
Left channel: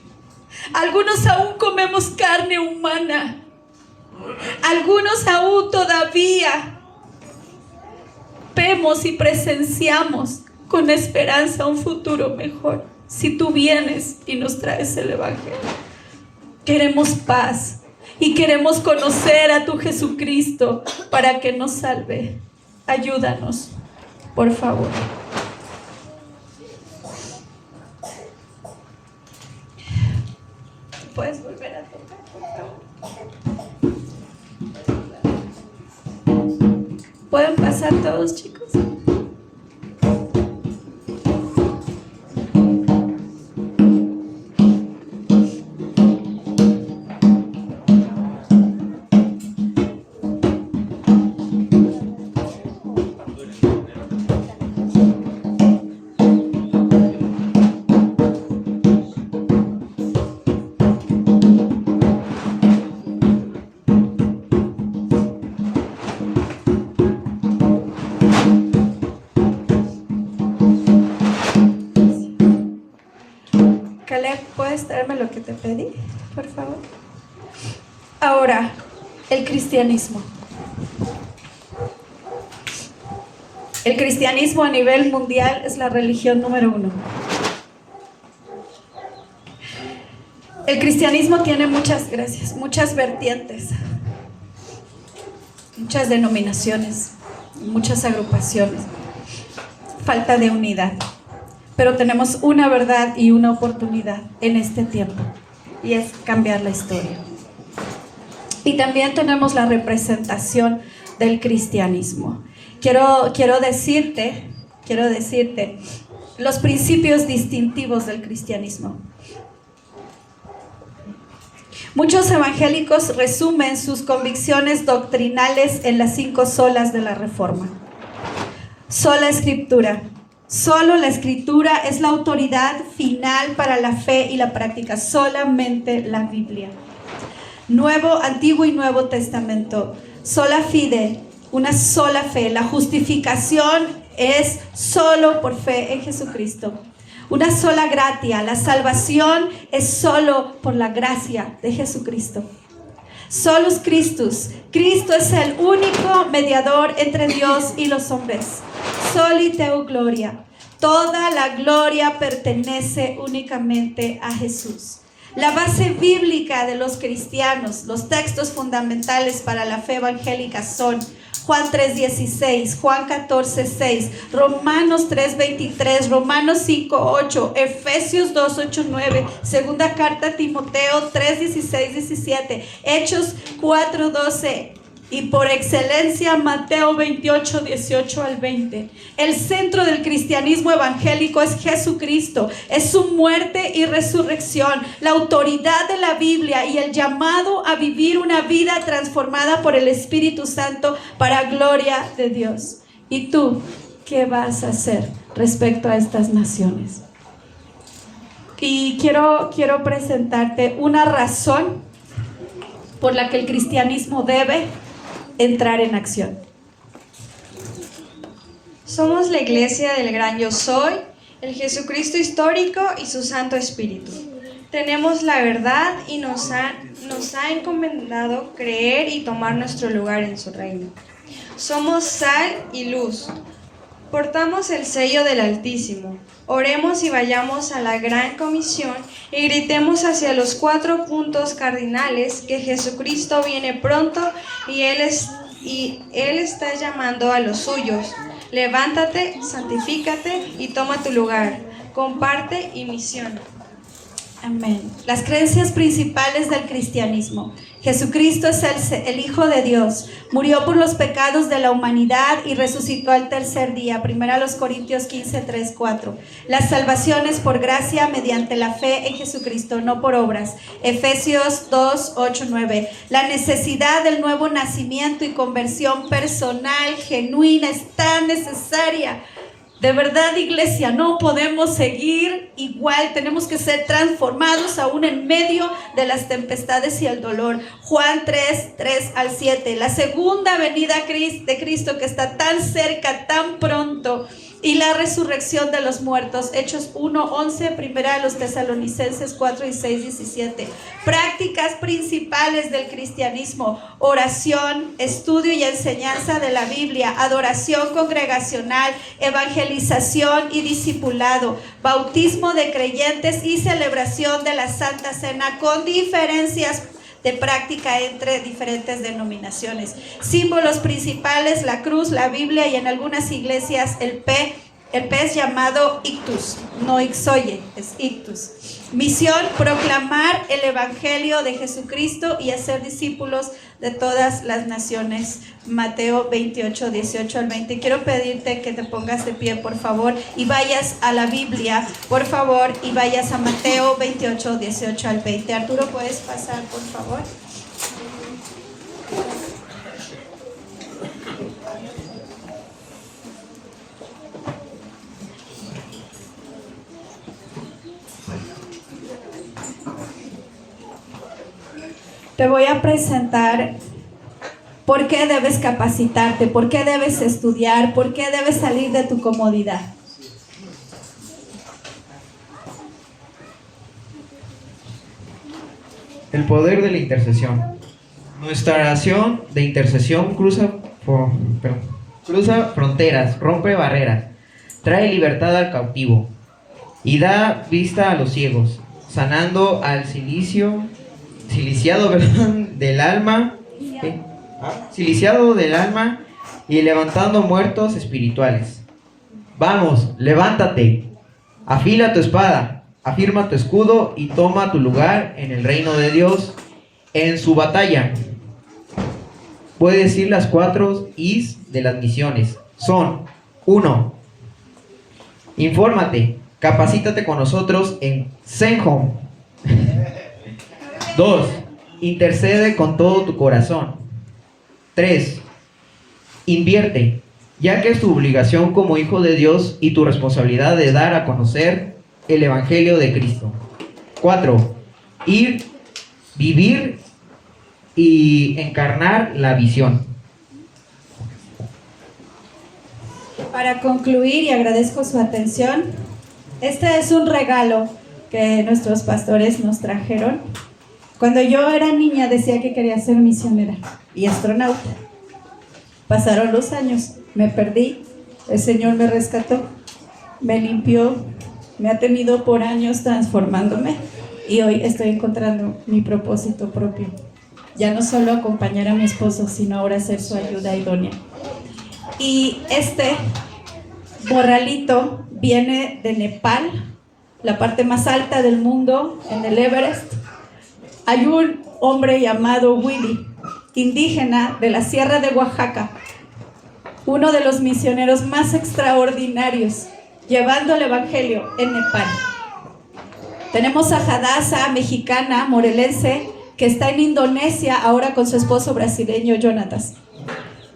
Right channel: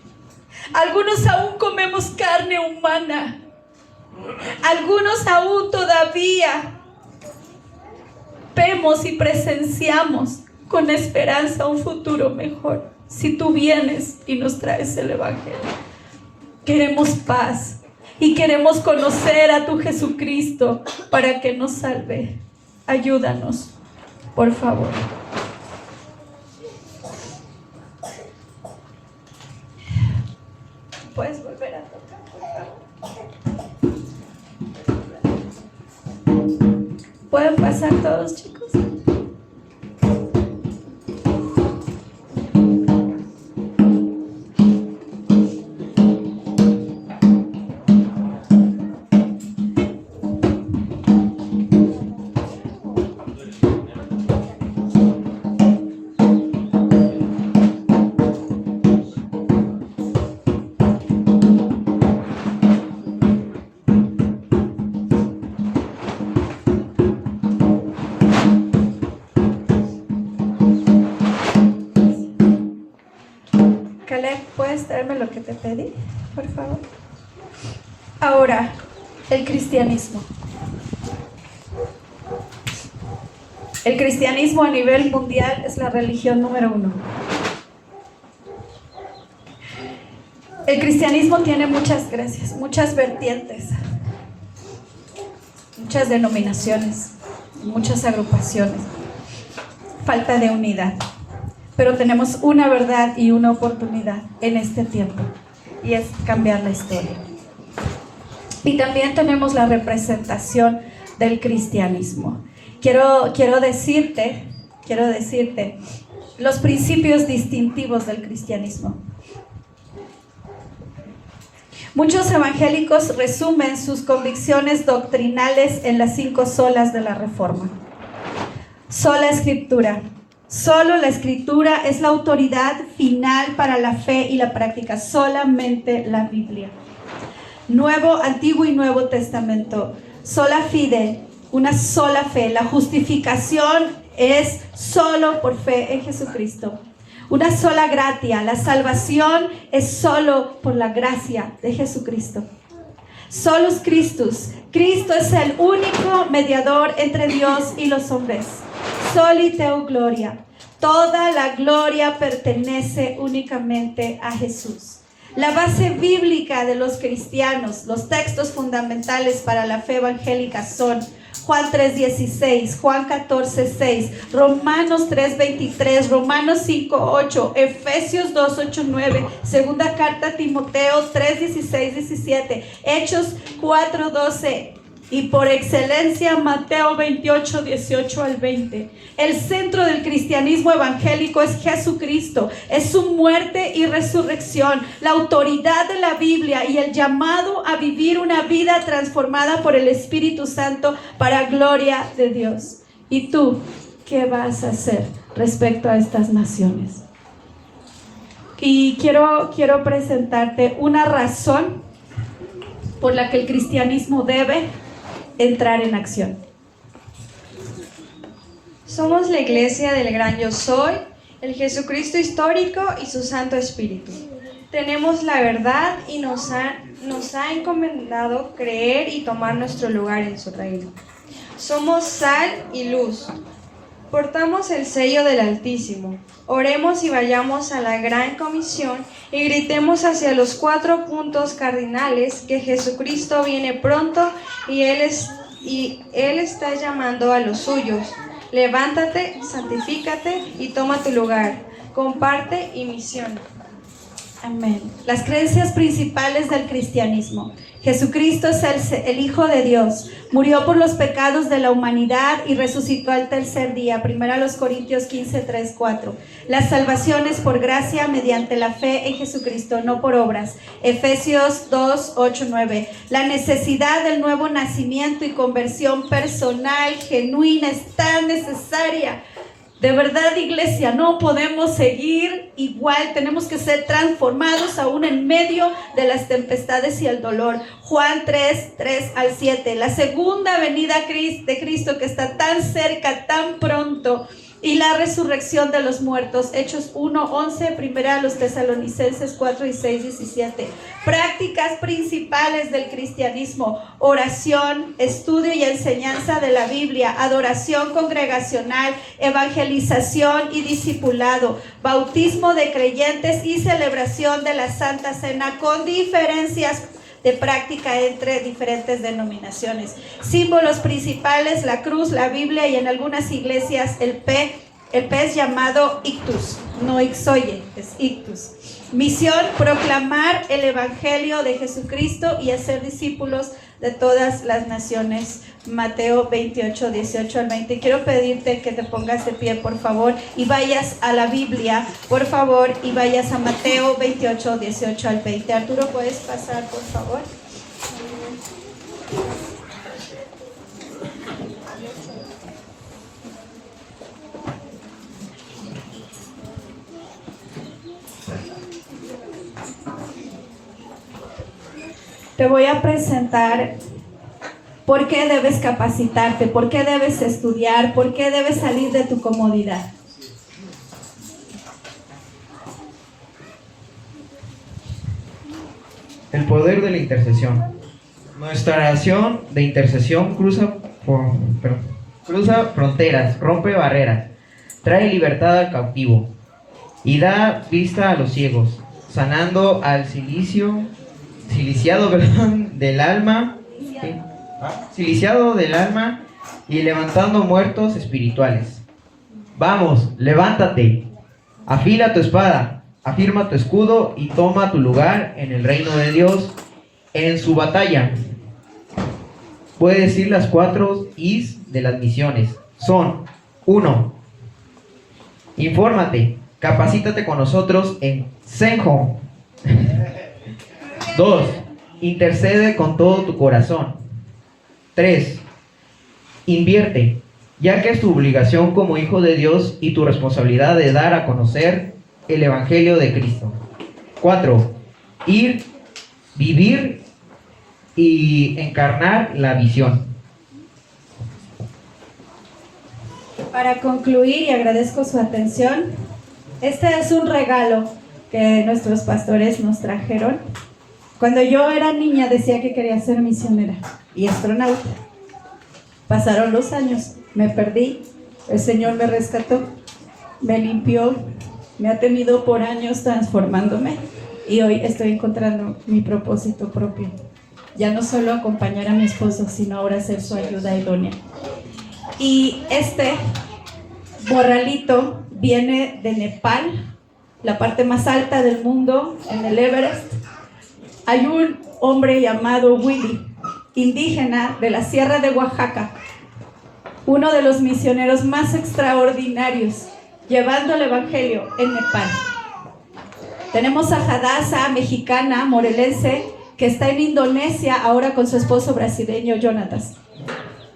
Algunos aún comemos carne humana. Algunos aún todavía vemos y presenciamos con esperanza a un futuro mejor. Si tú vienes y nos traes el Evangelio, queremos paz y queremos conocer a tu Jesucristo para que nos salve. Ayúdanos, por favor. ¿Puedes volver a tocar, por favor? ¿Pueden pasar todos, chicos? ¿Puedes traerme lo que te pedí, por favor? Ahora, el cristianismo. El cristianismo a nivel mundial es la religión número 1. El cristianismo tiene muchas vertientes, muchas denominaciones, muchas agrupaciones. Falta de unidad. Pero tenemos una verdad y una oportunidad en este tiempo, y es cambiar la historia. Y también tenemos la representación del cristianismo. Quiero decirte los principios distintivos del cristianismo. Muchos evangélicos resumen sus convicciones doctrinales en las 5 solas de la Reforma. Sola Escritura. Solo la Escritura es la autoridad final para la fe y la práctica, solamente la Biblia. Antiguo y Nuevo Testamento. Sola fide, una sola fe. La justificación es solo por fe en Jesucristo. Una sola gratia. La salvación es solo por la gracia de Jesucristo. Solus Christus. Cristo es el único mediador entre Dios y los hombres. Soli Deo Gloria. Toda la gloria pertenece únicamente a Jesús. La base bíblica de los cristianos, los textos fundamentales para la fe evangélica son Juan 3:16, Juan 14:6, Romanos 3:23, Romanos 5:8, Efesios 2:8-9, Segunda Carta a Timoteo 3:16-17, Hechos 4:12 y por excelencia Mateo 28:18-20. El centro del cristianismo evangélico es Jesucristo, es su muerte y resurrección, la autoridad de la Biblia y el llamado a vivir una vida transformada por el Espíritu Santo para gloria de Dios. ¿Y tú qué vas a hacer respecto a estas naciones? Y quiero presentarte una razón por la que el cristianismo debe entrar en acción. Somos la iglesia del gran yo soy, el Jesucristo histórico y su Santo Espíritu. Tenemos la verdad y nos ha encomendado creer y tomar nuestro lugar en su reino. Somos sal y luz. Portamos el sello del Altísimo. Oremos y vayamos a la gran comisión y gritemos hacia los 4 puntos cardinales que Jesucristo viene pronto y Él está llamando a los suyos. Levántate, santifícate y toma tu lugar. Comparte y misiona. Amén. Las creencias principales del cristianismo. Jesucristo es el Hijo de Dios. Murió por los pecados de la humanidad y resucitó al tercer día. 1 Corintios 15:3-4. La salvación es por gracia mediante la fe en Jesucristo, no por obras. Efesios 2:8-9. La necesidad del nuevo nacimiento y conversión personal, genuina, es tan necesaria. De verdad, iglesia, no podemos seguir igual, tenemos que ser transformados aún en medio de las tempestades y el dolor. Juan 3:3-7, la segunda venida de Cristo que está tan cerca, tan pronto, y la resurrección de los muertos. Hechos 1:11, primera de los Tesalonicenses 4:16-17. Prácticas principales del cristianismo: oración, estudio y enseñanza de la Biblia, adoración congregacional, evangelización y discipulado, bautismo de creyentes y celebración de la Santa Cena, con diferencias de práctica entre diferentes denominaciones. Símbolos principales: la cruz, la Biblia y en algunas iglesias el pez llamado ictus, no ixoye, es ictus. Misión: proclamar el evangelio de Jesucristo y hacer discípulos de todas las naciones. Mateo 28, 18 al 20. Quiero pedirte que te pongas de pie, por favor, y vayas a la Biblia, por favor, y vayas a Mateo 28, 18 al 20. Arturo, ¿puedes pasar, por favor? Te voy a presentar por qué debes capacitarte, por qué debes estudiar, por qué debes salir de tu comodidad. El poder de la intercesión. Nuestra oración de intercesión cruza fronteras, rompe barreras, trae libertad al cautivo y da vista a los ciegos, sanando al siliciado del alma, y levantando muertos espirituales. Vamos, levántate, afila tu espada, afirma tu escudo y toma tu lugar en el reino de Dios en su batalla. Puedes decir las 4 Is de las misiones. Son: 1. Infórmate, capacítate con nosotros en Zenhom. 2. Intercede con todo tu corazón. 3. Invierte, ya que es tu obligación como hijo de Dios y tu responsabilidad de dar a conocer el Evangelio de Cristo. 4. Ir, vivir y encarnar la visión. Para concluir, y agradezco su atención, este es un regalo que nuestros pastores nos trajeron. Cuando yo era niña decía que quería ser misionera y astronauta. Pasaron los años, me perdí, el Señor me rescató, me limpió, me ha tenido por años transformándome y hoy estoy encontrando mi propósito propio. Ya no solo acompañar a mi esposo, sino ahora ser su ayuda idónea. Y este borralito viene de Nepal, la parte más alta del mundo, en el Everest. Hay un hombre llamado Willy, indígena de la Sierra de Oaxaca, uno de los misioneros más extraordinarios, llevando el evangelio en Nepal. Tenemos a Hadassah, mexicana, morelense, que está en Indonesia ahora con su esposo brasileño Jonatas.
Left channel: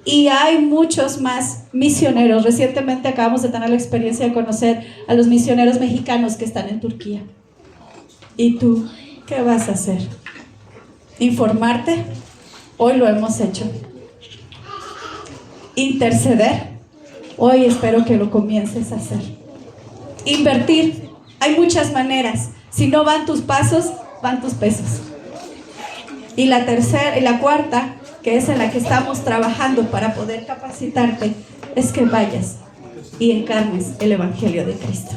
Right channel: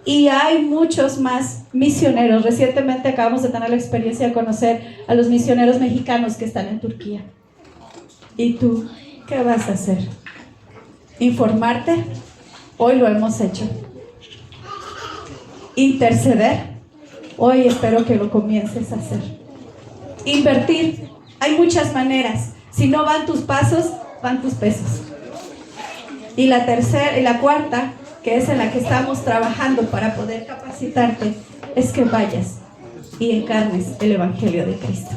Y hay muchos más misioneros. Recientemente acabamos de tener la experiencia de conocer a los misioneros mexicanos que están en Turquía. ¿Y tú qué vas a hacer? ¿Informarte? Hoy lo hemos hecho. ¿Interceder? Hoy espero que lo comiences a hacer. Invertir. Hay muchas maneras. Si no van tus pasos, van tus pesos. Y la tercera y la cuarta, que es en la que estamos trabajando para poder capacitarte, es que vayas y encarnes el Evangelio de Cristo.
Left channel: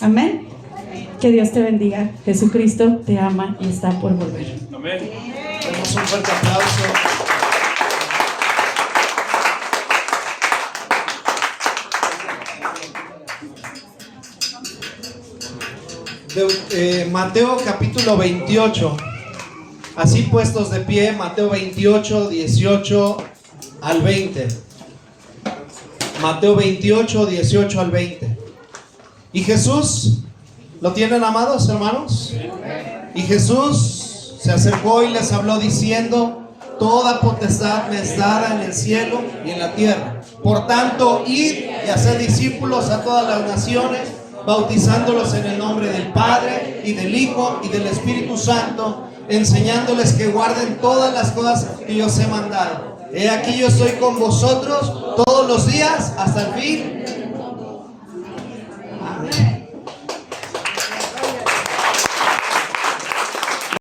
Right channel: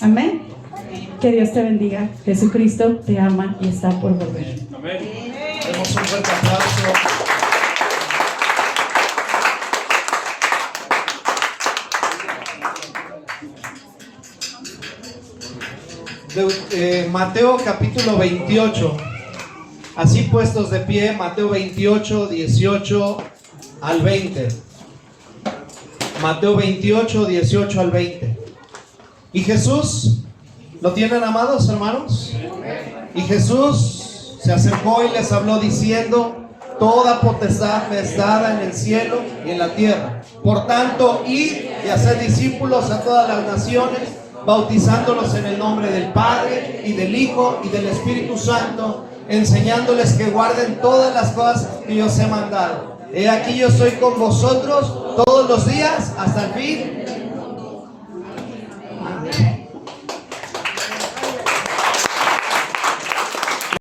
Amén. Que Dios te bendiga. Jesucristo te ama y está por volver. Amén. Demos un fuerte aplauso. Mateo capítulo 28. Así puestos de pie, Mateo 28, 18 al 20. Mateo 28, 18 al 20. Y Jesús, ¿lo tienen, amados hermanos? Y Jesús se acercó y les habló diciendo: toda potestad me es dada en el cielo y en la tierra. Por tanto, id y haced discípulos a todas las naciones, bautizándolos en el nombre del Padre y del Hijo y del Espíritu Santo, enseñándoles que guarden todas las cosas que yo os he mandado. He aquí yo estoy con vosotros todos los días hasta el fin